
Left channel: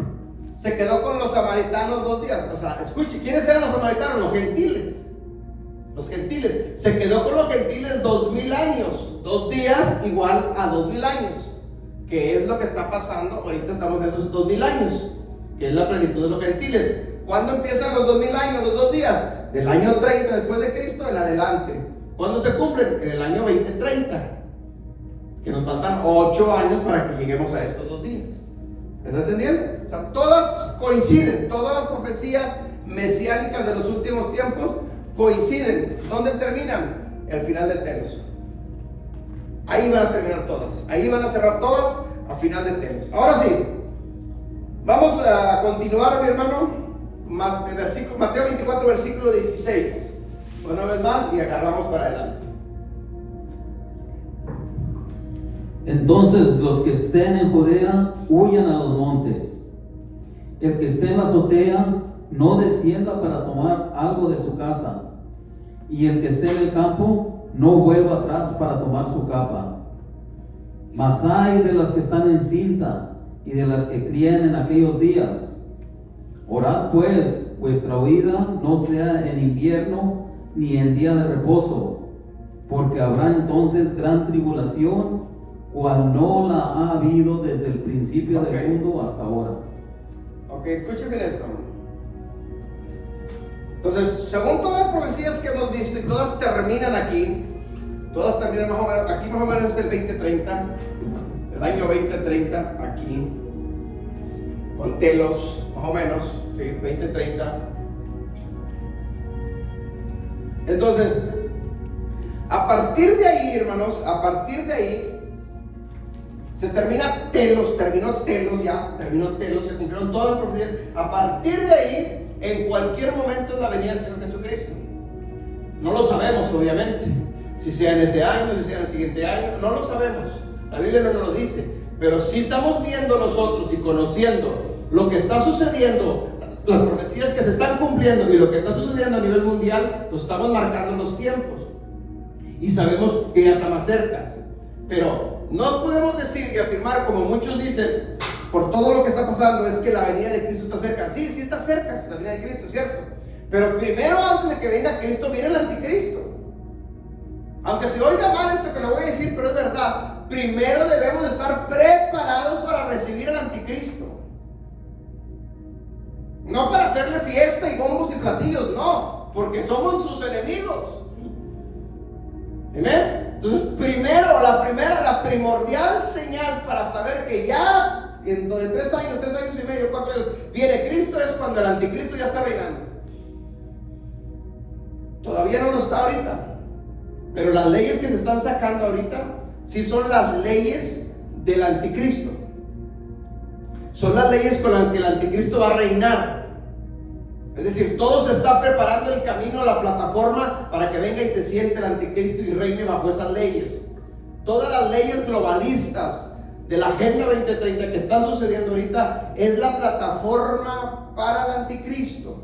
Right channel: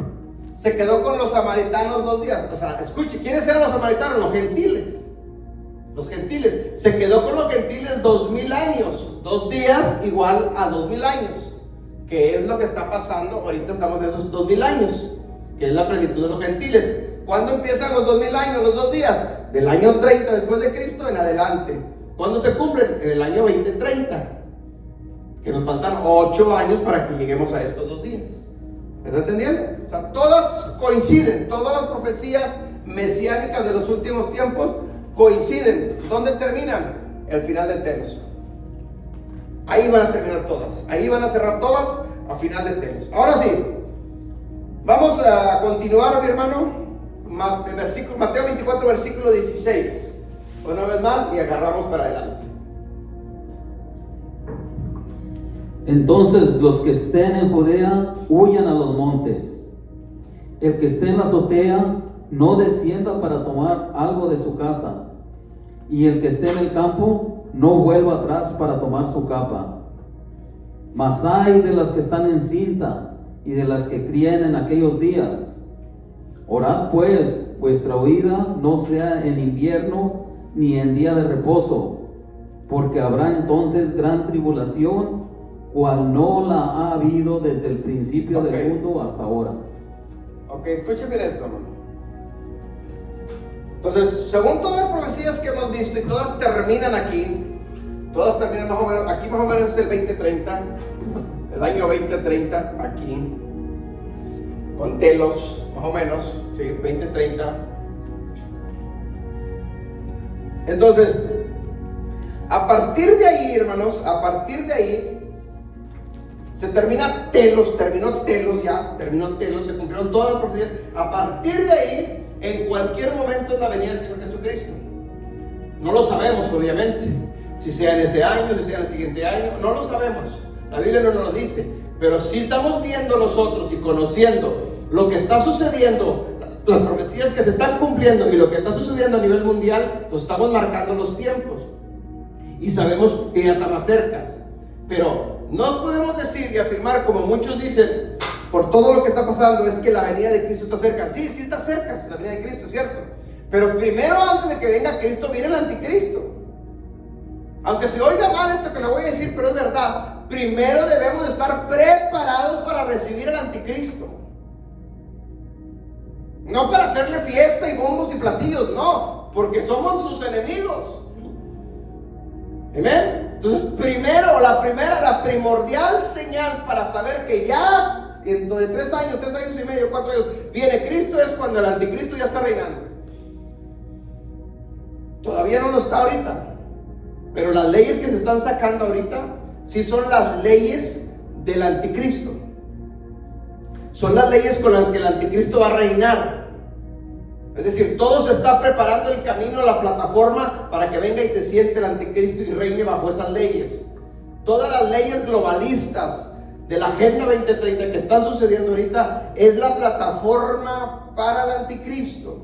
Se quedó con los samaritanos 2 días. O sea, escuche, ¿quiénes eran los samaritanos? Los gentiles. Los gentiles. Se quedó con los gentiles 2000 años. 2 días igual a 2000 años. Que es lo que está pasando. Ahorita estamos en esos 2000 años. Que es la plenitud de los gentiles. ¿Cuándo empiezan los 2000 años, los 2 días? Del año 30 después de Cristo en adelante. ¿Cuándo se cumplen? En el año 2030. Que nos faltan 8 años para que lleguemos a estos 2 días. ¿Me está entendiendo? O sea, todas coinciden, todas las profecías mesiánicas de los últimos tiempos coinciden. ¿Dónde terminan? El final de Telos. Ahí van a terminar todas. Ahí van a cerrar todas a final de Telos. Ahora sí, vamos a continuar, mi hermano. Mateo 24, versículo 16. Una vez más y agarramos para adelante. Entonces los que estén en Judea huyan a los montes. El que esté en la azotea no descienda para tomar algo de su casa. Y el que esté en el campo no vuelva atrás para tomar su capa. Mas ay de las que están en cinta y de las que críen en aquellos días. Orad pues, vuestra huida no sea en invierno ni en día de reposo, porque habrá entonces gran tribulación, cual no la ha habido desde el principio del mundo hasta ahora. Ok, escúcheme esto. Entonces, según todas las profecías que hemos visto y todas terminan aquí, todas terminan más o menos, aquí más o menos es el 2030, el año 2030, aquí, con Telos, más o menos, sí, 2030. Entonces, a partir de ahí, hermanos, a partir de ahí, se termina Telos, terminó Telos, se cumplieron todas las profecías. A partir de ahí, en cualquier momento es la venida del Señor Jesucristo. No lo sabemos, obviamente. Si sea en ese año, si sea en el siguiente año, no lo sabemos. La Biblia no nos lo dice. Pero sí estamos viendo nosotros y conociendo lo que está sucediendo, las profecías que se están cumpliendo y lo que está sucediendo a nivel mundial, pues estamos marcando los tiempos. Y sabemos que ya está más cerca. Pero no podemos decir y afirmar, como muchos dicen, por todo lo que está pasando, es que la venida de Cristo está cerca. Sí, sí está cerca, la venida de Cristo, es cierto. Pero primero, antes de que venga Cristo, viene el anticristo. Aunque se oiga mal esto que lo voy a decir, pero es verdad. Primero debemos de estar preparados para recibir al anticristo. No para hacerle fiesta y bombos y platillos, no, porque somos sus enemigos. ¿Amén? Entonces, primero, la primordial señal para saber que ya, dentro de 3 años y medio, 4 años, viene Cristo, es cuando el anticristo ya está reinando. Todavía no lo está ahorita, pero las leyes que se están sacando ahorita, sí son las leyes del anticristo. Son las leyes con las que el anticristo va a reinar. Es decir, todo se está preparando el camino, la plataforma para que venga y se siente el anticristo y reine bajo esas leyes. Todas las leyes globalistas de la Agenda 2030 que están sucediendo ahorita es la plataforma para el anticristo.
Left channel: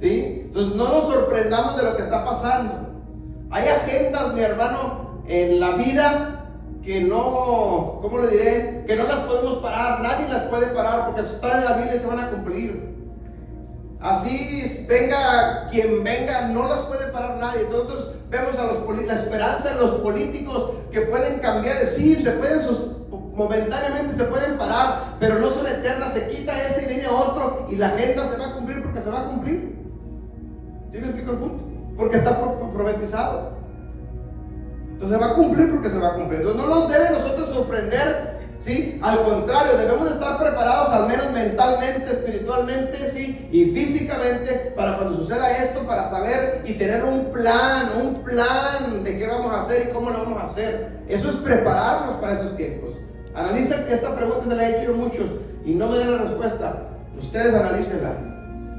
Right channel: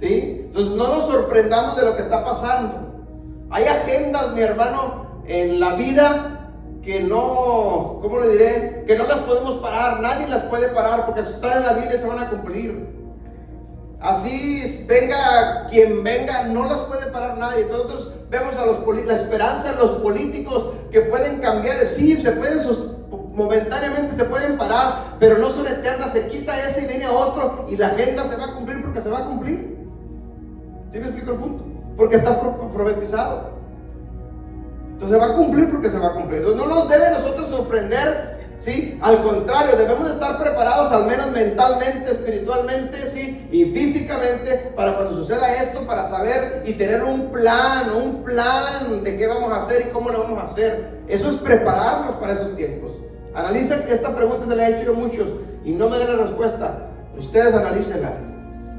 ¿Sí? Entonces no nos sorprendamos de lo que está pasando. Hay agendas, mi hermano, en la vida que no, ¿cómo le diré? Que no las podemos parar, nadie las puede parar porque están en la Biblia y se van a cumplir. Así venga quien venga, no las puede parar nadie. Nosotros vemos a la esperanza en los políticos que pueden cambiar, sí, se pueden momentáneamente se pueden parar, pero no son eternas. Se quita ese y viene otro y la agenda se va a cumplir porque se va a cumplir. ¿Sí me explico el punto? Porque está profetizado. Entonces se va a cumplir porque se va a cumplir. Entonces no nos debe nosotros sorprender, ¿sí? Al contrario, debemos de estar preparados al menos mentalmente, espiritualmente, ¿sí? Y físicamente para cuando suceda esto, para saber y tener un plan de qué vamos a hacer y cómo lo vamos a hacer. Eso es prepararnos para esos tiempos. Analicen esta pregunta, se la he hecho yo a muchos y no me den la respuesta. Ustedes analícenla.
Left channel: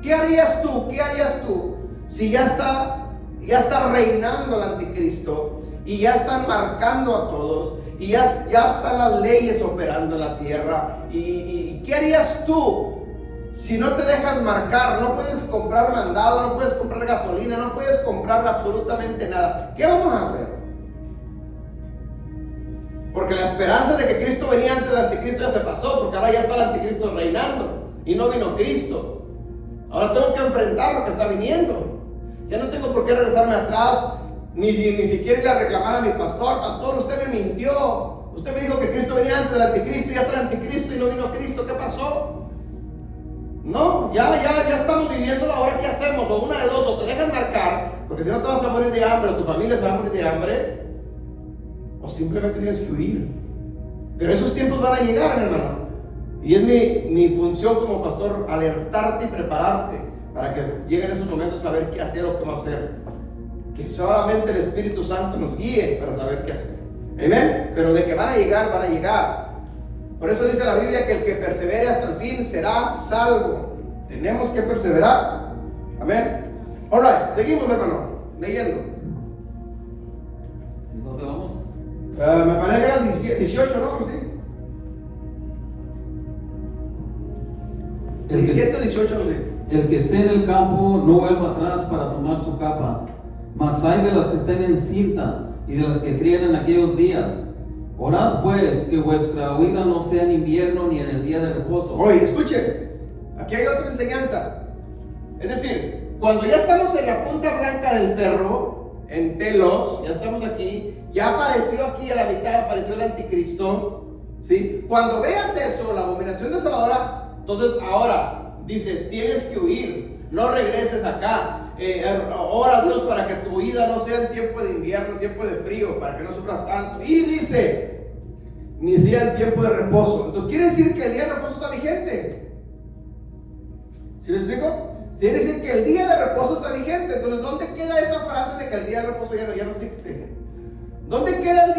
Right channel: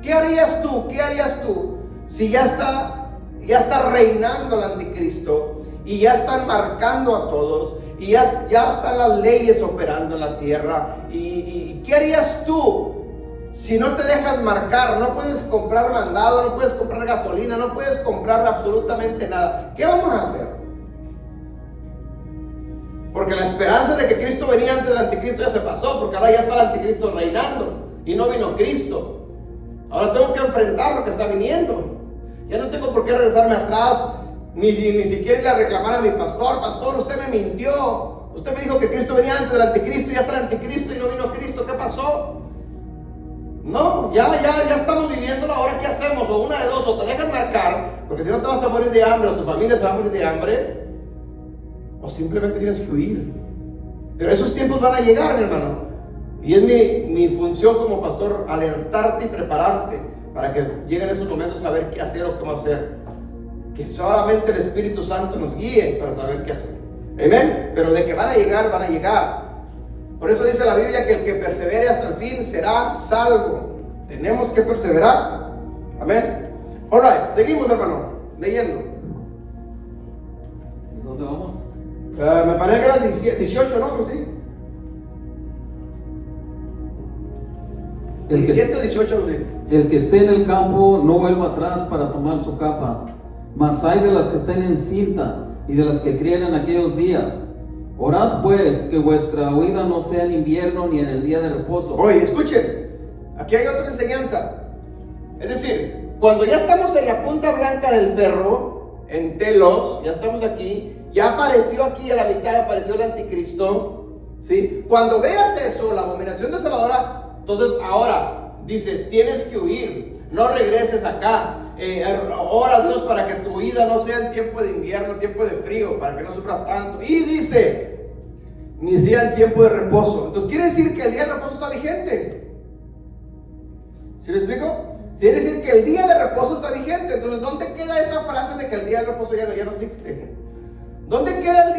¿Qué harías tú? ¿Qué harías tú si ya está reinando el anticristo y ya están marcando a todos, y ya están las leyes operando en la tierra. ¿Y qué harías tú si no te dejan marcar? No puedes comprar mandado, no puedes comprar gasolina, no puedes comprar absolutamente nada. ¿Qué vamos a hacer? Porque la esperanza de que Cristo venía antes del anticristo ya se pasó, porque ahora ya está el anticristo reinando y no vino Cristo. Ahora tengo que enfrentar lo que está viniendo. Ya no tengo por qué regresarme atrás, ni siquiera ir a reclamar a mi pastor: pastor, usted me mintió, usted me dijo que Cristo venía antes del anticristo, ya está el anticristo y no vino Cristo. ¿Qué pasó? No, ya estamos viviéndolo. Ahora ¿qué hacemos? O una de dos: o te dejan marcar, porque si no te vas a morir de hambre, o tu familia se va a morir de hambre, o simplemente tienes que huir. Pero esos tiempos van a llegar, mi hermano, y es mi función como pastor alertarte y prepararte para que lleguen esos momentos a saber qué hacer o cómo hacer. Que solamente el Espíritu Santo nos guíe para saber qué hacer. Amén. Pero de que van a llegar, van a llegar. Por eso dice la Biblia que el que persevere hasta el fin será salvo. Tenemos que perseverar. Amén. Alright, seguimos, hermano, leyendo. ¿Dónde vamos? Me parece que eran 18, ¿no? Sí. 17 o 18, no sé. El que esté en el campo no vuelva atrás para tomar su capa, mas hay de las que estén en cinta y de las que crían en aquellos días. Orad pues que vuestra huida no sea en invierno ni en el día de reposo. Oye, escuchen, aquí hay otra enseñanza. Es decir, cuando ya estamos en la punta blanca del perro, en Telos, ya estamos aquí, ya apareció aquí a la mitad, apareció el anticristo, ¿sí? Cuando veas eso, la abominación desoladora, entonces ahora dice: tienes que huir, no regreses acá. Ora a Dios para que tu huida no sea en tiempo de invierno, en tiempo de frío, para que no sufras tanto. Y dice: ni sea en tiempo de reposo. Entonces quiere decir que el día de reposo está vigente. ¿Sí me explico? Quiere decir que el día de reposo está vigente. Entonces, ¿dónde queda esa frase de que el día de reposo ya no existe? ¿Dónde queda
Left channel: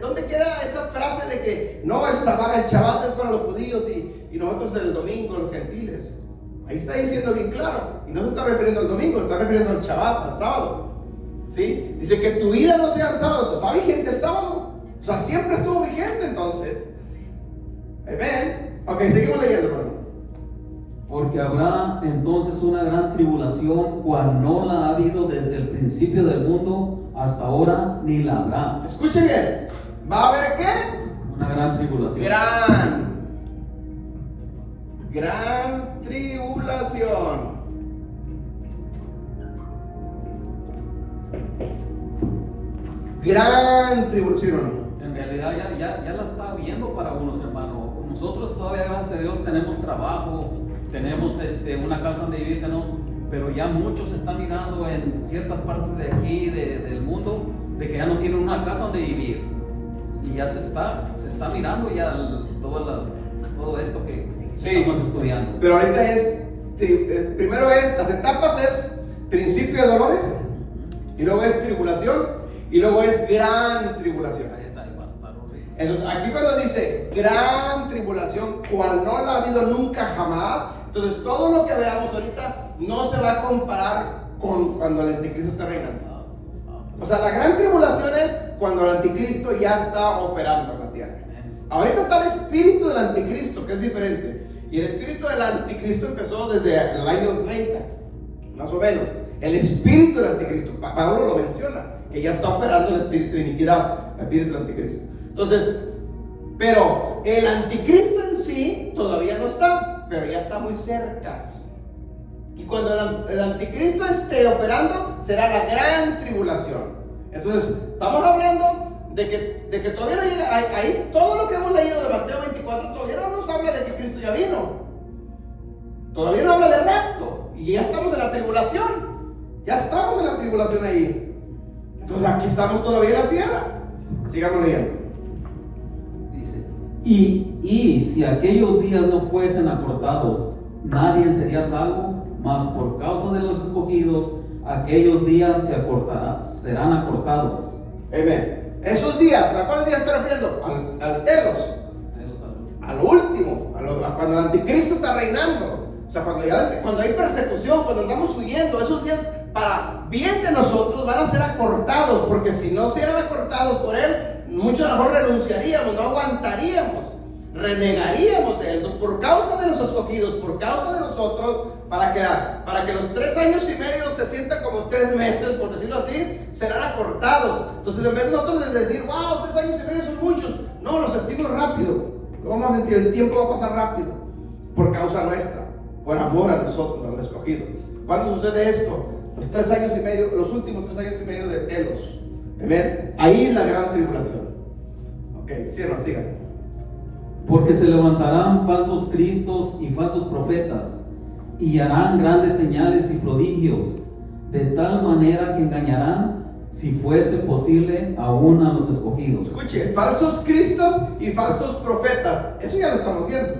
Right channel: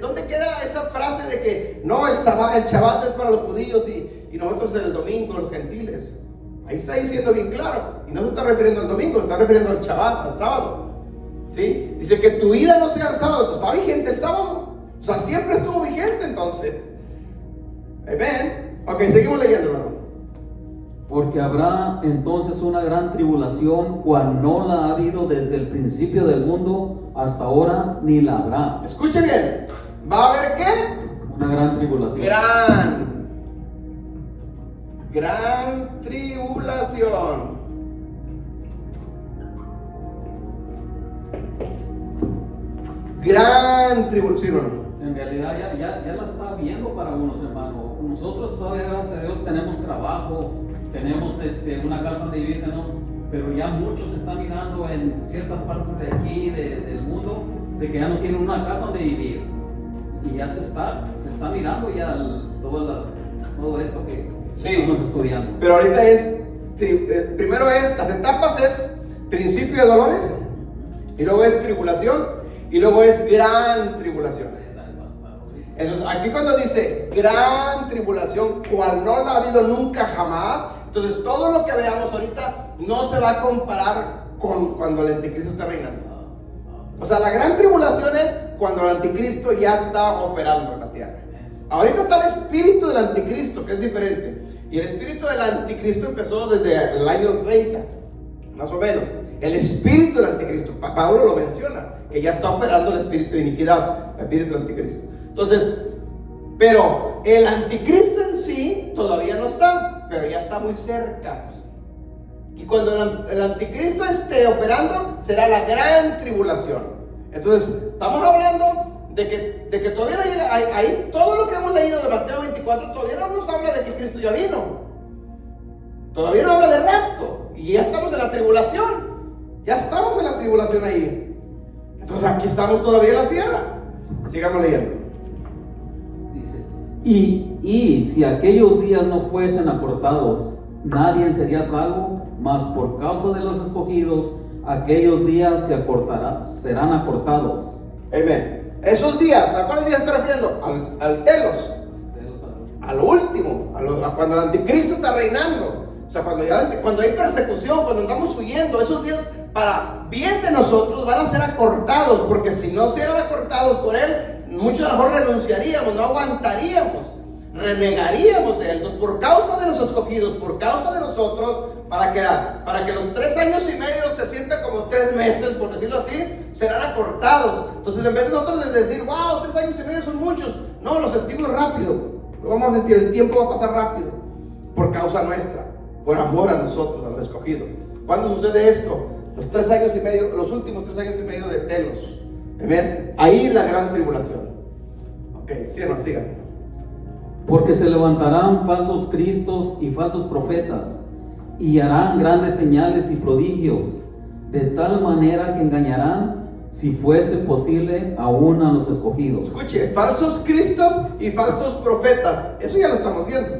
dónde queda esa frase de que no, el Shabbat es para los judíos y nosotros el domingo, los gentiles? Ahí está diciendo bien claro. Y no se está refiriendo al domingo, se está refiriendo al Shabbat, al sábado. ¿Sí? Dice que tu vida no sea el sábado. Entonces, ¿está vigente el sábado? O sea, siempre estuvo vigente entonces. Amén. Ok, seguimos leyendo, hermano. Porque habrá entonces una gran tribulación, cual no la ha habido desde el principio del mundo hasta ahora, ni la habrá. Escuche bien. ¿Va a haber qué? Una gran tribulación. Gran tribulación. Gran tribulación. En realidad ya la está viendo para unos, hermanos. Nosotros todavía, gracias a Dios, tenemos trabajo, tenemos una casa donde vivir, pero ya muchos están mirando en ciertas partes de aquí, del mundo, de que ya no tienen una casa donde vivir. Y ya se está mirando ya todo esto que estamos estudiando. Pero ahorita primero las etapas es principio de dolores, y luego es tribulación, y luego es gran tribulación. Entonces, aquí cuando dice gran tribulación, cual no la ha habido nunca jamás, entonces todo lo que veamos ahorita no se va a comparar con cuando el anticristo está reinando. O sea, la gran tribulación es cuando el anticristo ya está operando en la tierra. Ahorita está el espíritu del anticristo, que es diferente. Y el espíritu del anticristo empezó desde el año 30, más o menos. El espíritu del anticristo, Pablo lo menciona, que ya está operando el espíritu de iniquidad, el espíritu del anticristo. Entonces, pero el anticristo en sí todavía no está, pero ya está muy cerca. Y cuando el anticristo esté operando, será la gran tribulación. Entonces, estamos hablando de que todavía no llega, ahí todo lo que hemos leído de Mateo 24, todavía no nos habla de que Cristo ya vino. Todavía no habla de rapto. Y ya estamos en la tribulación. Ya estamos en la tribulación ahí. Entonces, aquí estamos todavía en la tierra. Sigamos leyendo. Dice: y si aquellos días no fuesen acortados, nadie sería salvo, mas por causa de los escogidos, aquellos días serán acortados. Amén. Esos días, ¿a cuáles días estoy refiriendo? Al telos. A lo último, a cuando el anticristo está reinando. O sea, cuando hay persecución, cuando andamos huyendo, esos días para bien de nosotros van a ser acortados, porque si no sean acortados por Él, muchos a lo mejor renunciaríamos, no aguantaríamos, renegaríamos de Él, por causa de los escogidos, por causa de nosotros, para que los 3 años y medio se sientan como 3 meses, por decirlo así, serán acortados. Entonces, en vez de nosotros decir, wow, 3 años y medio son muchos, no, lo sentimos rápido, lo vamos a sentir, el tiempo va a pasar rápido, por causa nuestra, por amor a nosotros, a los escogidos. ¿Cuándo sucede esto? Los 3 años y medio, los últimos 3 años y medio de Telos. Amén. Ahí la gran tribulación. Ok, sigan. Porque se levantarán falsos cristos y falsos profetas, y harán grandes señales y prodigios, de tal manera que engañarán, si fuese posible, aún a los escogidos. Escuche, falsos cristos y falsos profetas. Eso ya lo estamos viendo.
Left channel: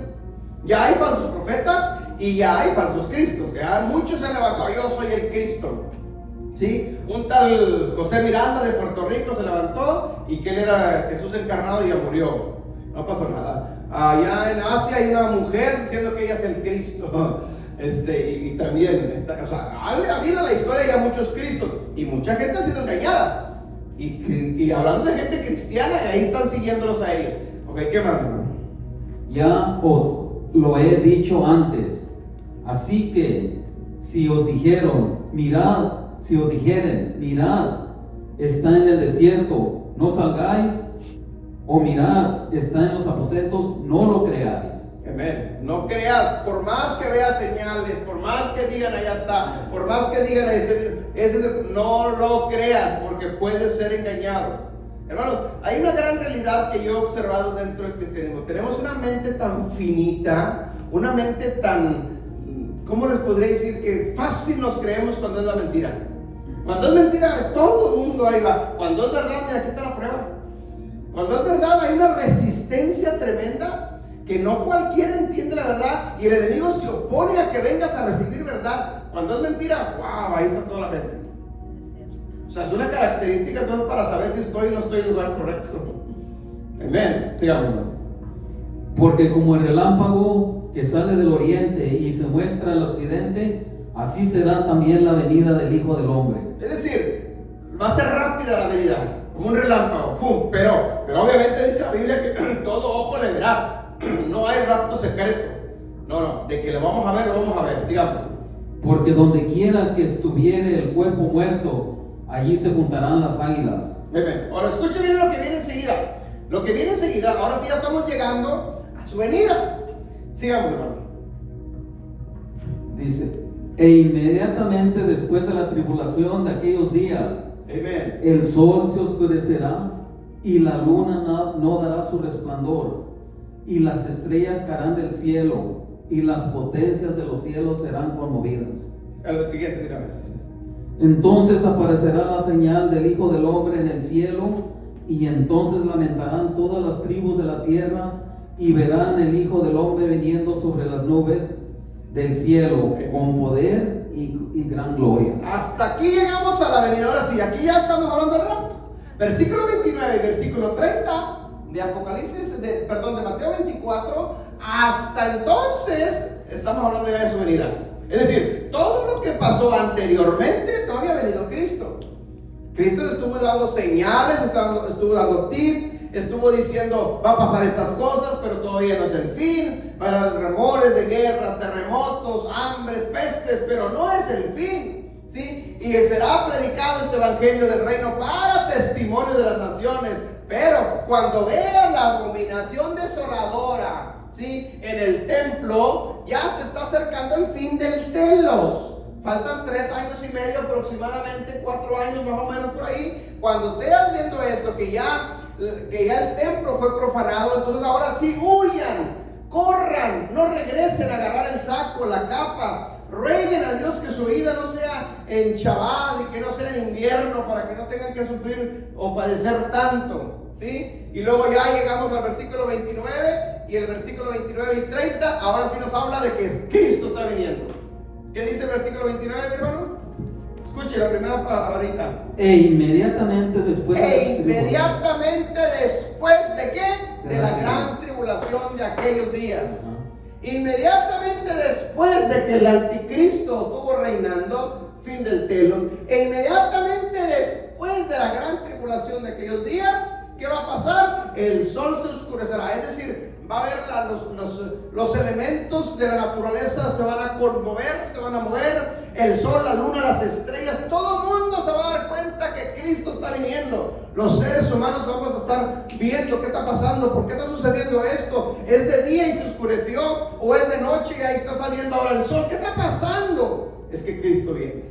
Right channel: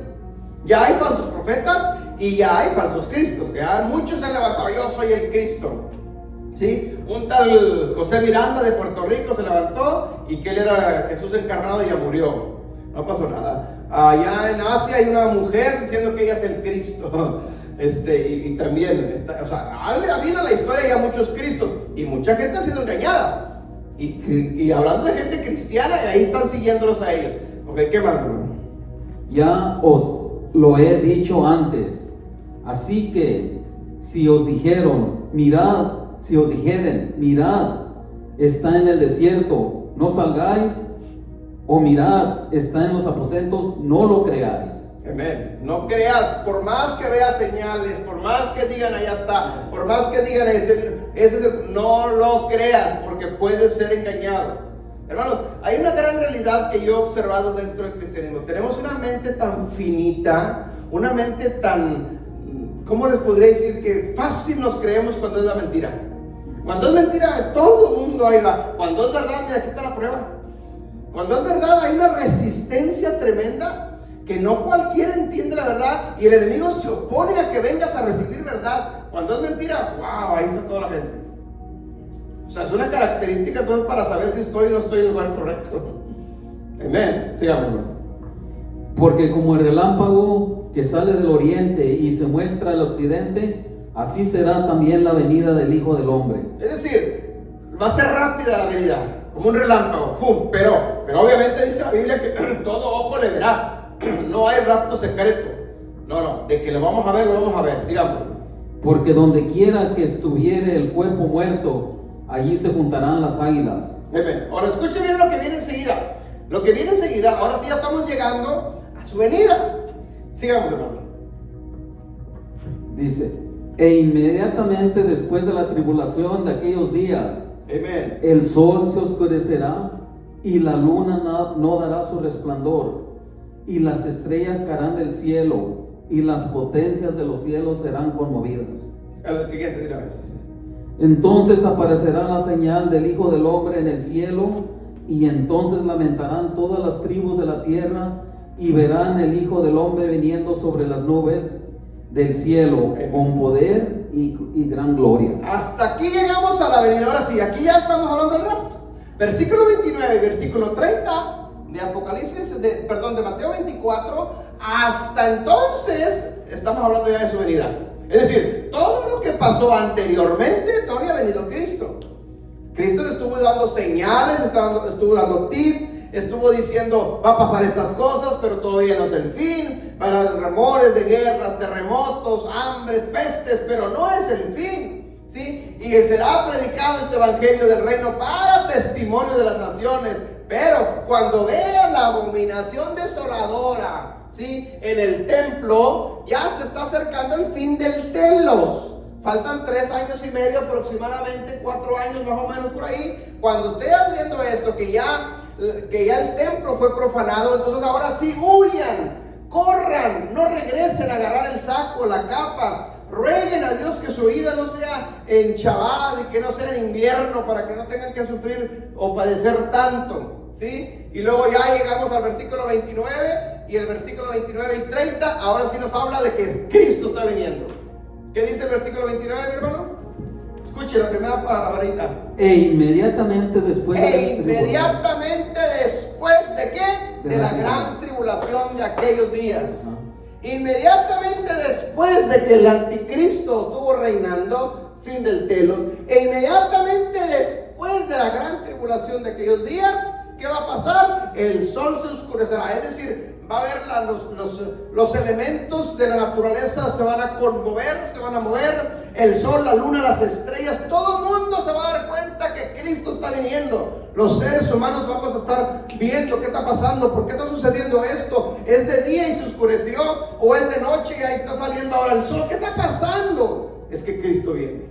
Ya hay falsos profetas y ya hay falsos cristos. Ya muchos se han levantado, yo soy el Cristo. ¿Sí? Un tal José Miranda de Puerto Rico se levantó y que él era Jesús encarnado y ya murió. No pasó nada. Allá en Asia hay una mujer diciendo que ella es el Cristo. Y también, o sea, ha habido en la historia ya muchos Cristos y mucha gente ha sido engañada. Y hablando de gente cristiana, ahí están siguiéndolos a ellos. Ok, ¿qué más, hermano? Ya os lo he dicho antes, así que si os dijeren, mirad, está en el desierto, no salgáis, o mirad, está en los aposentos, no lo creáis. Amén. No creas, por más que veas señales, por más que digan allá está, por más que digan no lo creas, porque puedes ser engañado. Hermanos, hay una gran realidad que yo he observado dentro del cristianismo. Tenemos una mente tan finita, una mente tan, ¿cómo les podría decir? Que fácil nos creemos cuando es la mentira. Cuando es mentira, todo el mundo ahí va. Cuando es verdad, mira, aquí está la prueba. Cuando es verdad, hay una resistencia tremenda, que no cualquiera entiende la verdad, y el enemigo se opone a que vengas a recibir verdad. Cuando es mentira, wow, ahí está toda la gente. O sea, es una característica entonces para saber si estoy o no estoy en el lugar correcto. Amén. Sigamos. Porque como el relámpago que sale del oriente y se muestra al occidente, así será también la venida del Hijo del Hombre. Es decir, va a ser rápida la venida, como un relámpago, ¡fum! Pero obviamente dice la Biblia que todo ojo le verá. No hay rapto secreto. No, de que lo vamos a ver, lo vamos a ver. Sigamos. Porque donde quiera que estuviere el cuerpo muerto, allí se juntarán las águilas. Amén. Ahora escuche bien lo que viene enseguida. Lo que viene enseguida, ahora sí ya estamos llegando a su venida. Sigamos, hermano. Dice, e inmediatamente después de la tribulación de aquellos días, amén, el sol se oscurecerá y la luna no dará su resplandor, y las estrellas caerán del cielo, y las potencias de los cielos serán conmovidas. Al siguiente, otra vez. Entonces aparecerá la señal del Hijo del Hombre en el cielo, y entonces lamentarán todas las tribus de la tierra, y verán el Hijo del Hombre viniendo sobre las nubes del cielo con poder y gran gloria. Hasta aquí llegamos a la venida. Ahora sí, aquí ya estamos hablando del rapto. Versículo 29 y versículo 30 de Apocalipsis, de Mateo 24, hasta entonces estamos hablando ya de su venida. Es decir, todo lo que pasó anteriormente, todavía ha venido Cristo. Cristo le estuvo dando señales, estuvo dando tips, estuvo diciendo, va a pasar estas cosas, pero todavía no es el fin. Para rumores de guerras, terremotos, hambres, pestes, pero no es el fin, ¿sí? Y será predicado este evangelio del reino para testimonio de las naciones. Pero cuando vean la abominación desoladora, ¿sí?, en el templo, ya se está acercando el fin del telos. Faltan 3 años y medio aproximadamente, 4 años más o menos por ahí. Cuando estés viendo esto, que ya el templo fue profanado, entonces ahora sí huyan, corran, no regresen a agarrar el saco, la capa. Rueguen a Dios que su vida no sea en Shabbat y que no sea en invierno, para que no tengan que sufrir o padecer tanto, ¿sí? Y luego ya llegamos al versículo 29, y el versículo 29 y 30 ahora sí nos habla de que Cristo está viniendo. ¿Qué dice el versículo 29, mi hermano? Escuche la primera palabrita. E inmediatamente después ¿de qué? De la gran tribulación de aquellos días. Inmediatamente después de que el anticristo estuvo reinando, fin del telos, e inmediatamente después de la gran tribulación de aquellos días, ¿qué va a pasar? El sol se oscurecerá, es decir, va a haber los elementos de la naturaleza se van a conmover, se van a mover, el sol, la luna, las estrellas, todo el mundo se va a dar cuenta que Cristo está viniendo. Los seres humanos vamos a estar viendo qué está pasando, por qué está sucediendo esto. ¿Es de día y se oscureció? ¿O es de noche y ahí está saliendo ahora el sol? ¿Qué está pasando? Es que Cristo viene.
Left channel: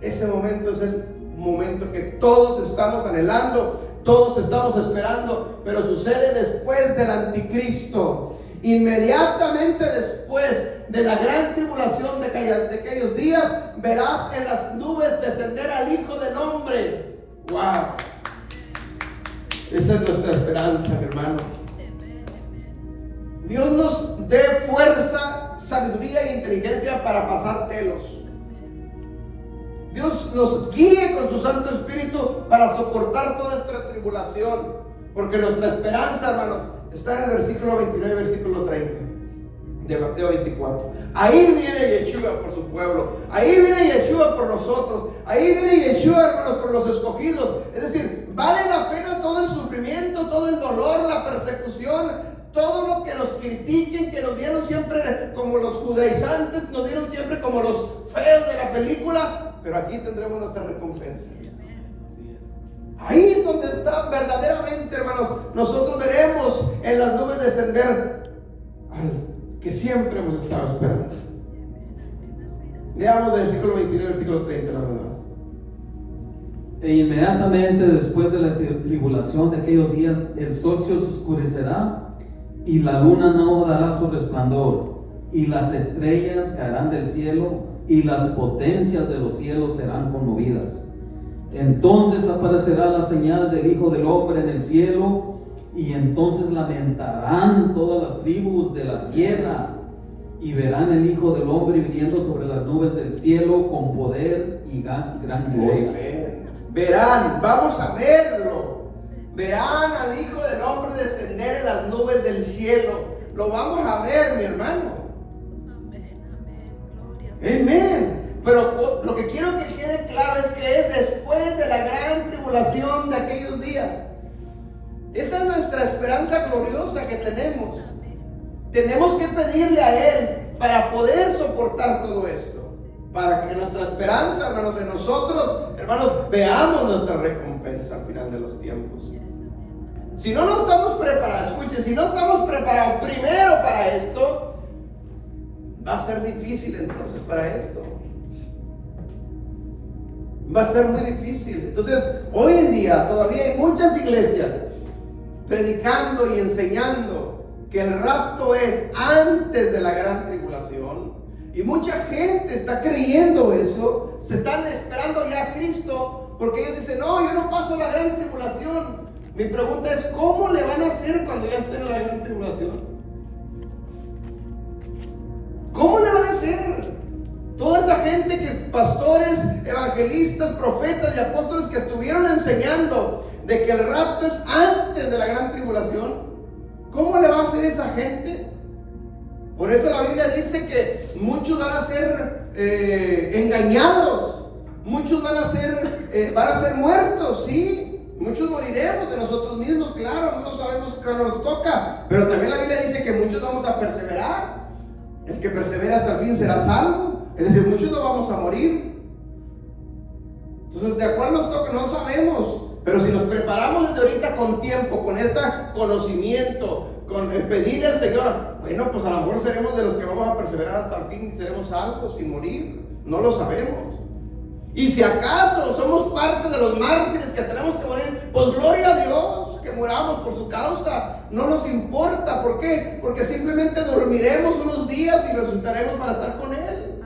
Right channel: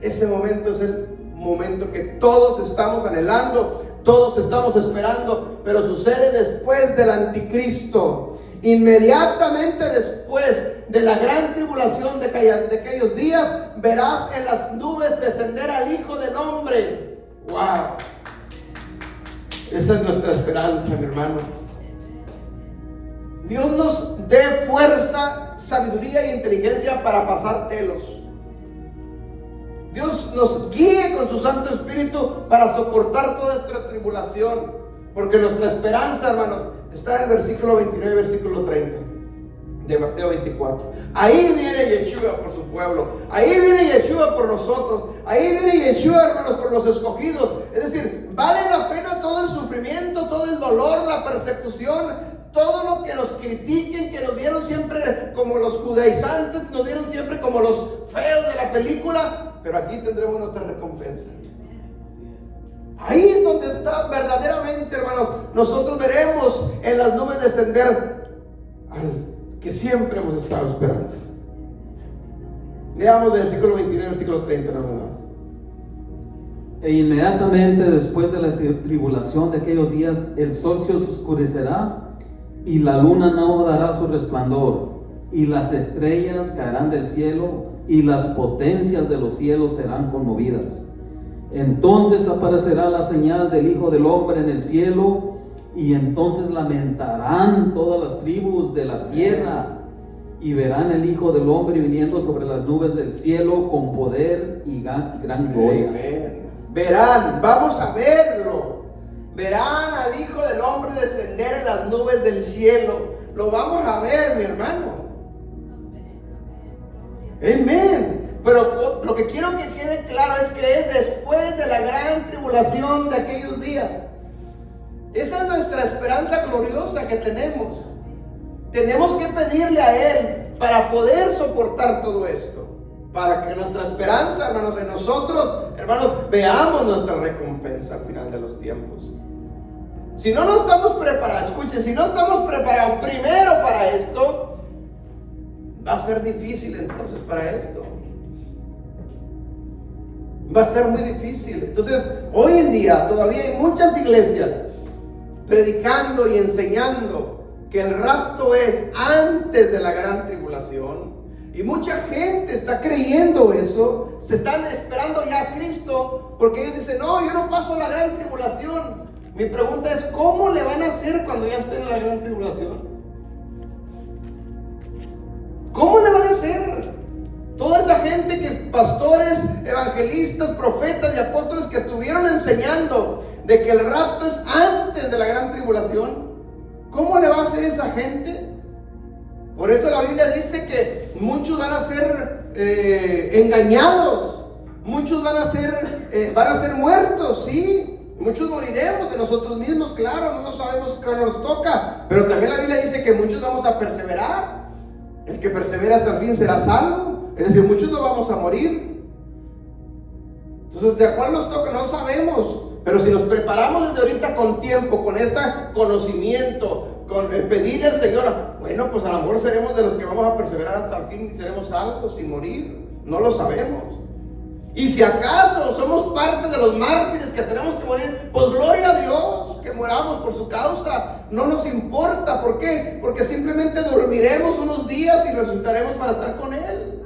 Ese momento es el momento que todos estamos anhelando, todos estamos esperando, pero sucede después del anticristo. Inmediatamente después de la gran tribulación de aquellos días, verás en las nubes descender al Hijo del Hombre. ¡Wow! Esa es nuestra esperanza, mi hermano. Dios nos dé fuerza, sabiduría e inteligencia para pasar telos. Dios nos guíe con su Santo Espíritu para soportar toda esta tribulación, porque nuestra esperanza, hermanos, está en el versículo 29 y versículo 30 de Mateo 24. Ahí viene Yeshua por su pueblo, ahí viene Yeshua por nosotros, ahí viene Yeshua, hermanos, por los escogidos. Es decir, vale la pena todo el sufrimiento, todo el dolor, la persecución, todo lo que nos critiquen, que nos vieron siempre como los judaizantes, nos vieron siempre como los feos de la película, pero aquí tendremos nuestra recompensa. Ahí es donde está verdaderamente, hermanos, nosotros veremos en las nubes descender al que siempre hemos estado esperando. Leamos del versículo 29 al versículo 30 nada más. E inmediatamente después de la tribulación de aquellos días, el sol se oscurecerá y la luna no dará su resplandor, y las estrellas caerán del cielo, y las potencias de los cielos serán conmovidas. Entonces aparecerá la señal del Hijo del Hombre en el cielo, y entonces lamentarán todas las tribus de la tierra, y verán el Hijo del Hombre viniendo sobre las nubes del cielo con poder y gran gloria. Verán, vamos a verlo. Verán al Hijo del Hombre descender en las nubes del cielo. Lo vamos a ver, mi hermano. Amén. Pero lo que quiero que quede claro es que es después de la gran tribulación de aquellos días. Esa es nuestra esperanza gloriosa que tenemos. Tenemos que pedirle a Él para poder soportar todo esto, para que nuestra esperanza, hermanos, en nosotros, hermanos, veamos nuestra recompensa al final de los tiempos. Si no estamos preparados, escuchen, si no estamos preparados primero para esto, va a ser difícil entonces para esto. Va a ser muy difícil. Entonces, hoy en día todavía hay muchas iglesias predicando y enseñando que el rapto es antes de la gran tribulación. Y mucha gente está creyendo eso, se están esperando ya a Cristo, porque ellos dicen, no, yo no paso la gran tribulación. Mi pregunta es, ¿cómo le van a hacer cuando ya estén en la gran tribulación? ¿Cómo le van a hacer? Toda esa gente que pastores, evangelistas, profetas y apóstoles que estuvieron enseñando de que el rapto es antes de la gran tribulación, ¿cómo le va a hacer esa gente? Por eso la Biblia dice que muchos van a ser engañados, muchos van a ser muertos, sí. Muchos moriremos de nosotros mismos, claro, no sabemos cuándo nos toca, pero también la Biblia dice que muchos vamos a perseverar. El que persevera hasta el fin será salvo. Es decir, muchos no vamos a morir. Entonces, ¿de cuál nos toca? No sabemos. Pero si nos preparamos desde ahorita con tiempo, con este conocimiento, con el pedirle al Señor, bueno, pues a lo mejor seremos de los que vamos a perseverar hasta el fin y seremos salvos sin morir. No lo sabemos. Y si acaso somos parte de los mártires que tenemos que morir, pues gloria a Dios que muramos por su causa. No nos importa. ¿Por qué? Porque simplemente dormiremos unos días y resucitaremos para estar con Él.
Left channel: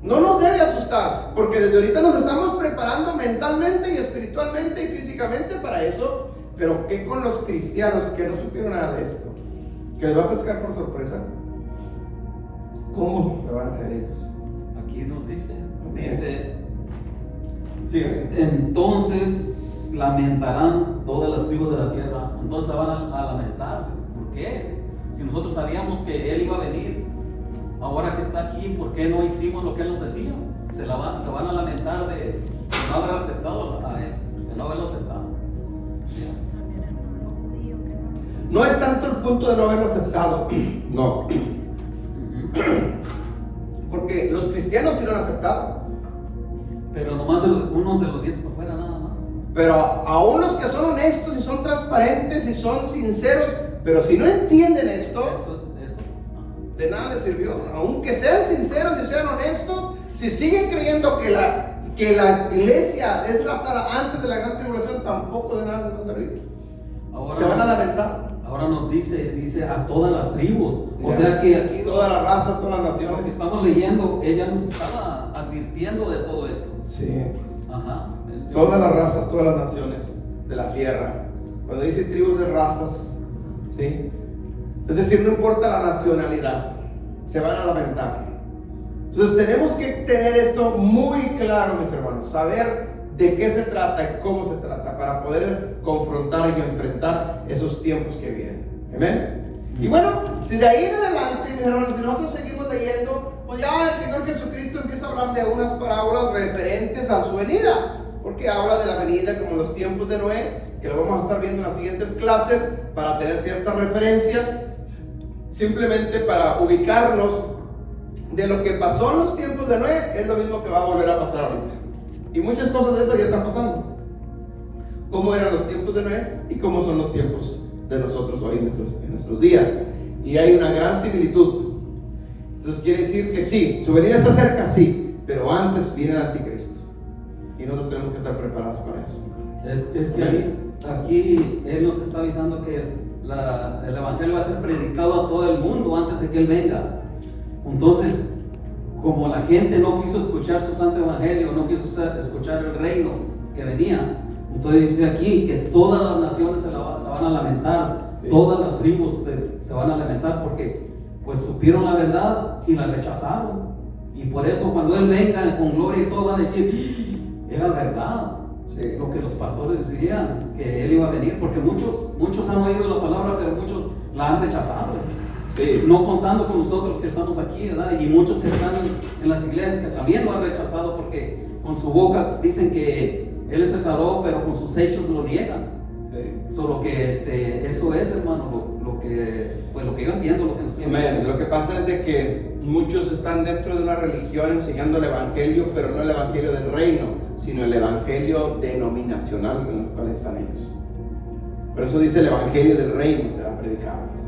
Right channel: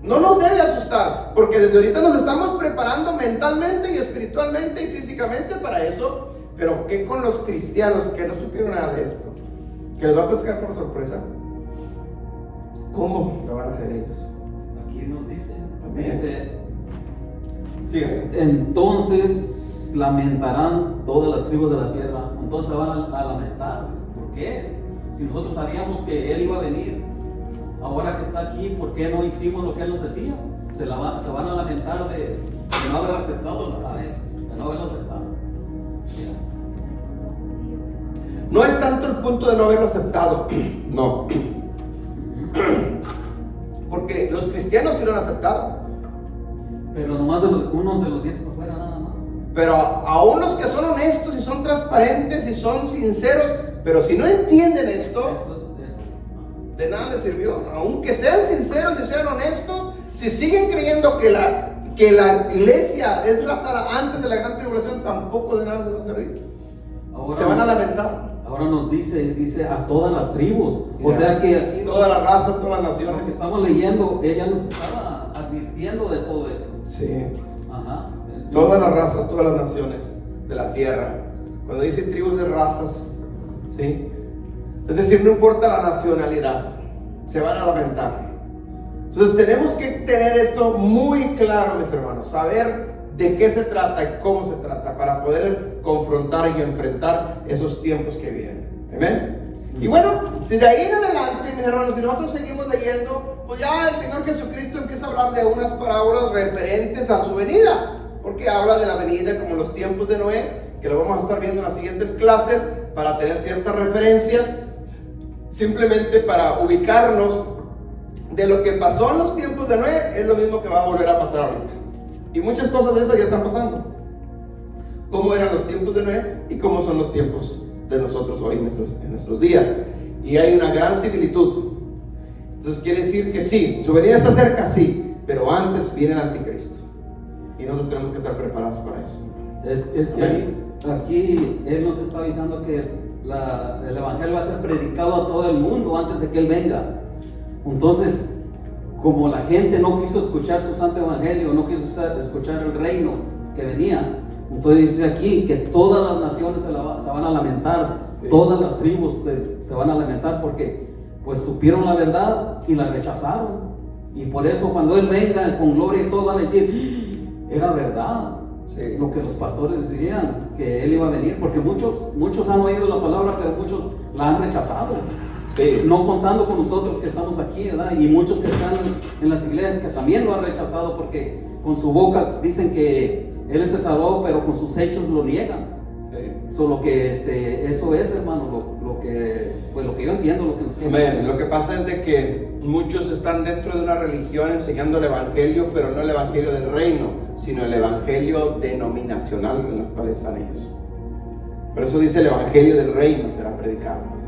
No nos debe asustar, porque desde ahorita nos estamos preparando mentalmente y espiritualmente y físicamente para eso. Pero ¿qué con los cristianos que no supieron nada de esto? ¿Que les va a pescar por sorpresa? ¿Cómo lo van a hacer ellos? Aquí nos dice, entonces lamentarán todas las tribus de la tierra. Entonces van a lamentar. ¿Por qué? Si nosotros sabíamos que Él iba a venir, ahora que está aquí, ¿por qué no hicimos lo que Él nos decía? Se van a lamentar de no haber aceptado a Él, de no haberlo aceptado. No es tanto el punto de no haberlo aceptado, no. Porque los cristianos sí lo han aceptado. Pero nomás unos de los dientes para afuera nada más. Pero aún los que son honestos y son transparentes y son sinceros, pero si no entienden esto, Eso. de nada les sirvió. Aunque sean sinceros y sean honestos, si siguen creyendo que la iglesia es raptada antes de la gran tribulación, tampoco de nada les va a servir. Ahora, se van a lamentar. Ahora nos dice a todas las tribus. O sea que aquí todas las razas, todas las lo naciones. que estamos leyendo, ella nos está advirtiendo de todo esto. Sí. Ajá. Todas las razas, todas las naciones de la tierra. Cuando dice tribus de razas, ¿sí? Es decir, no importa la nacionalidad, se van a lamentar. Entonces tenemos que tener esto muy claro, mis hermanos, saber de qué se trata y cómo se trata para poder confrontar y enfrentar esos tiempos que vienen. ¿Amén? Y bueno, si de ahí en adelante, mis hermanos, si nosotros seguimos leyendo, pues ya el Señor Jesucristo empieza a hablar de unas parábolas referentes a su venida, porque habla de la venida como los tiempos de Noé, que lo vamos a estar viendo en las siguientes clases para tener ciertas referencias, simplemente para ubicarnos de lo que pasó en los tiempos de Noé, es lo mismo que va a volver a pasar ahorita. Y muchas cosas de esas ya están pasando. Cómo eran los tiempos de Noé y cómo son los tiempos de nosotros hoy en nuestros días. Y hay una gran similitud. Entonces quiere decir que sí, su venida está cerca, sí, pero antes viene el anticristo. Y nosotros tenemos que estar preparados para eso. Es que aquí Él nos está avisando que el Evangelio va a ser predicado a todo el mundo antes de que Él venga. Entonces, como la gente no quiso escuchar su santo Evangelio, no quiso escuchar el reino que venía, entonces dice aquí que todas las naciones se van a lamentar, sí. Todas las tribus se van a lamentar porque pues supieron la verdad y la rechazaron. Y por eso cuando Él venga con gloria y todo van a decir, era verdad. Sí. Lo que los pastores decían, que Él iba a venir, porque muchos han oído la palabra, pero muchos la han rechazado. Sí. No contando con nosotros que estamos aquí, ¿verdad? Y muchos que están en las iglesias que también lo han rechazado porque con su boca dicen que Él es el Salvador, pero con sus hechos lo niegan. Sí. Solo que eso es, hermano, lo que yo entiendo, lo que nos quieren. Lo que pasa es de que muchos están dentro de una religión enseñando el evangelio, pero no el evangelio del reino, sino el evangelio denominacional en los cuales están ellos. Por eso dice el evangelio del reino será predicado.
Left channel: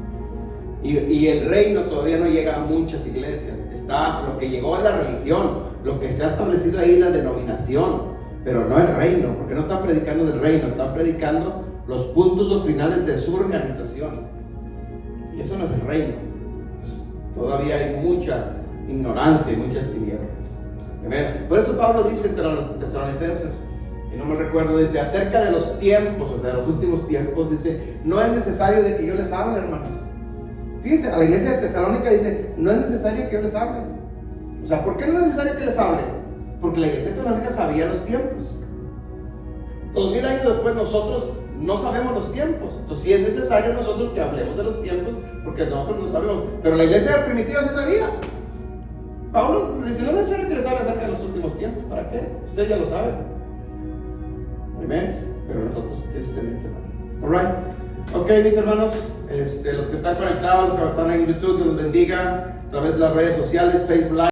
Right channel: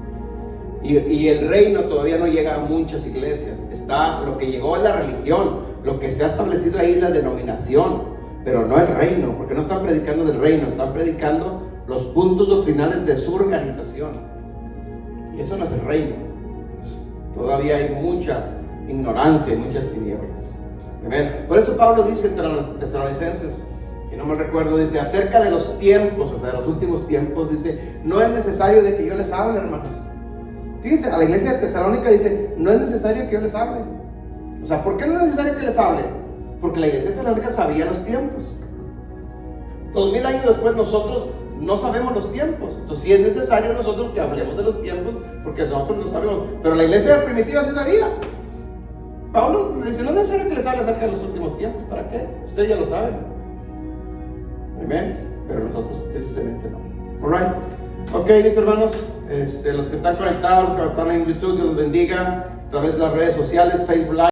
Y el reino todavía no llega a muchas iglesias. Está lo que llegó a la religión, lo que se ha establecido ahí es la denominación, pero no el reino, porque no están predicando del reino, están predicando los puntos doctrinales de su organización. Y eso no es el reino. Entonces, todavía hay mucha ignorancia y muchas tinieblas. ¿Ven? Por eso Pablo dice entre los tesalonicenses, y no me recuerdo, dice acerca de los tiempos, o sea, de los últimos tiempos, dice, no es necesario de que yo les hable, hermanos. Fíjense, a la iglesia de Tesalónica dice, no es necesario que yo les hable. O sea, ¿por qué no es necesario que les hable? Porque la iglesia de Tesalónica sabía los tiempos. 2000 años después nosotros no sabemos los tiempos. Entonces sí es necesario nosotros que hablemos de los tiempos, porque nosotros no sabemos. Pero la iglesia primitiva sí sabía. Pablo dice, no es necesario que les hable acerca de los últimos tiempos. ¿Para qué? Ustedes ya lo saben. Amén. Pero nosotros tristemente no. Alright. Ok, mis hermanos, los que están conectados, los que están en YouTube, Dios los bendiga a través de las redes sociales, Facebook Live.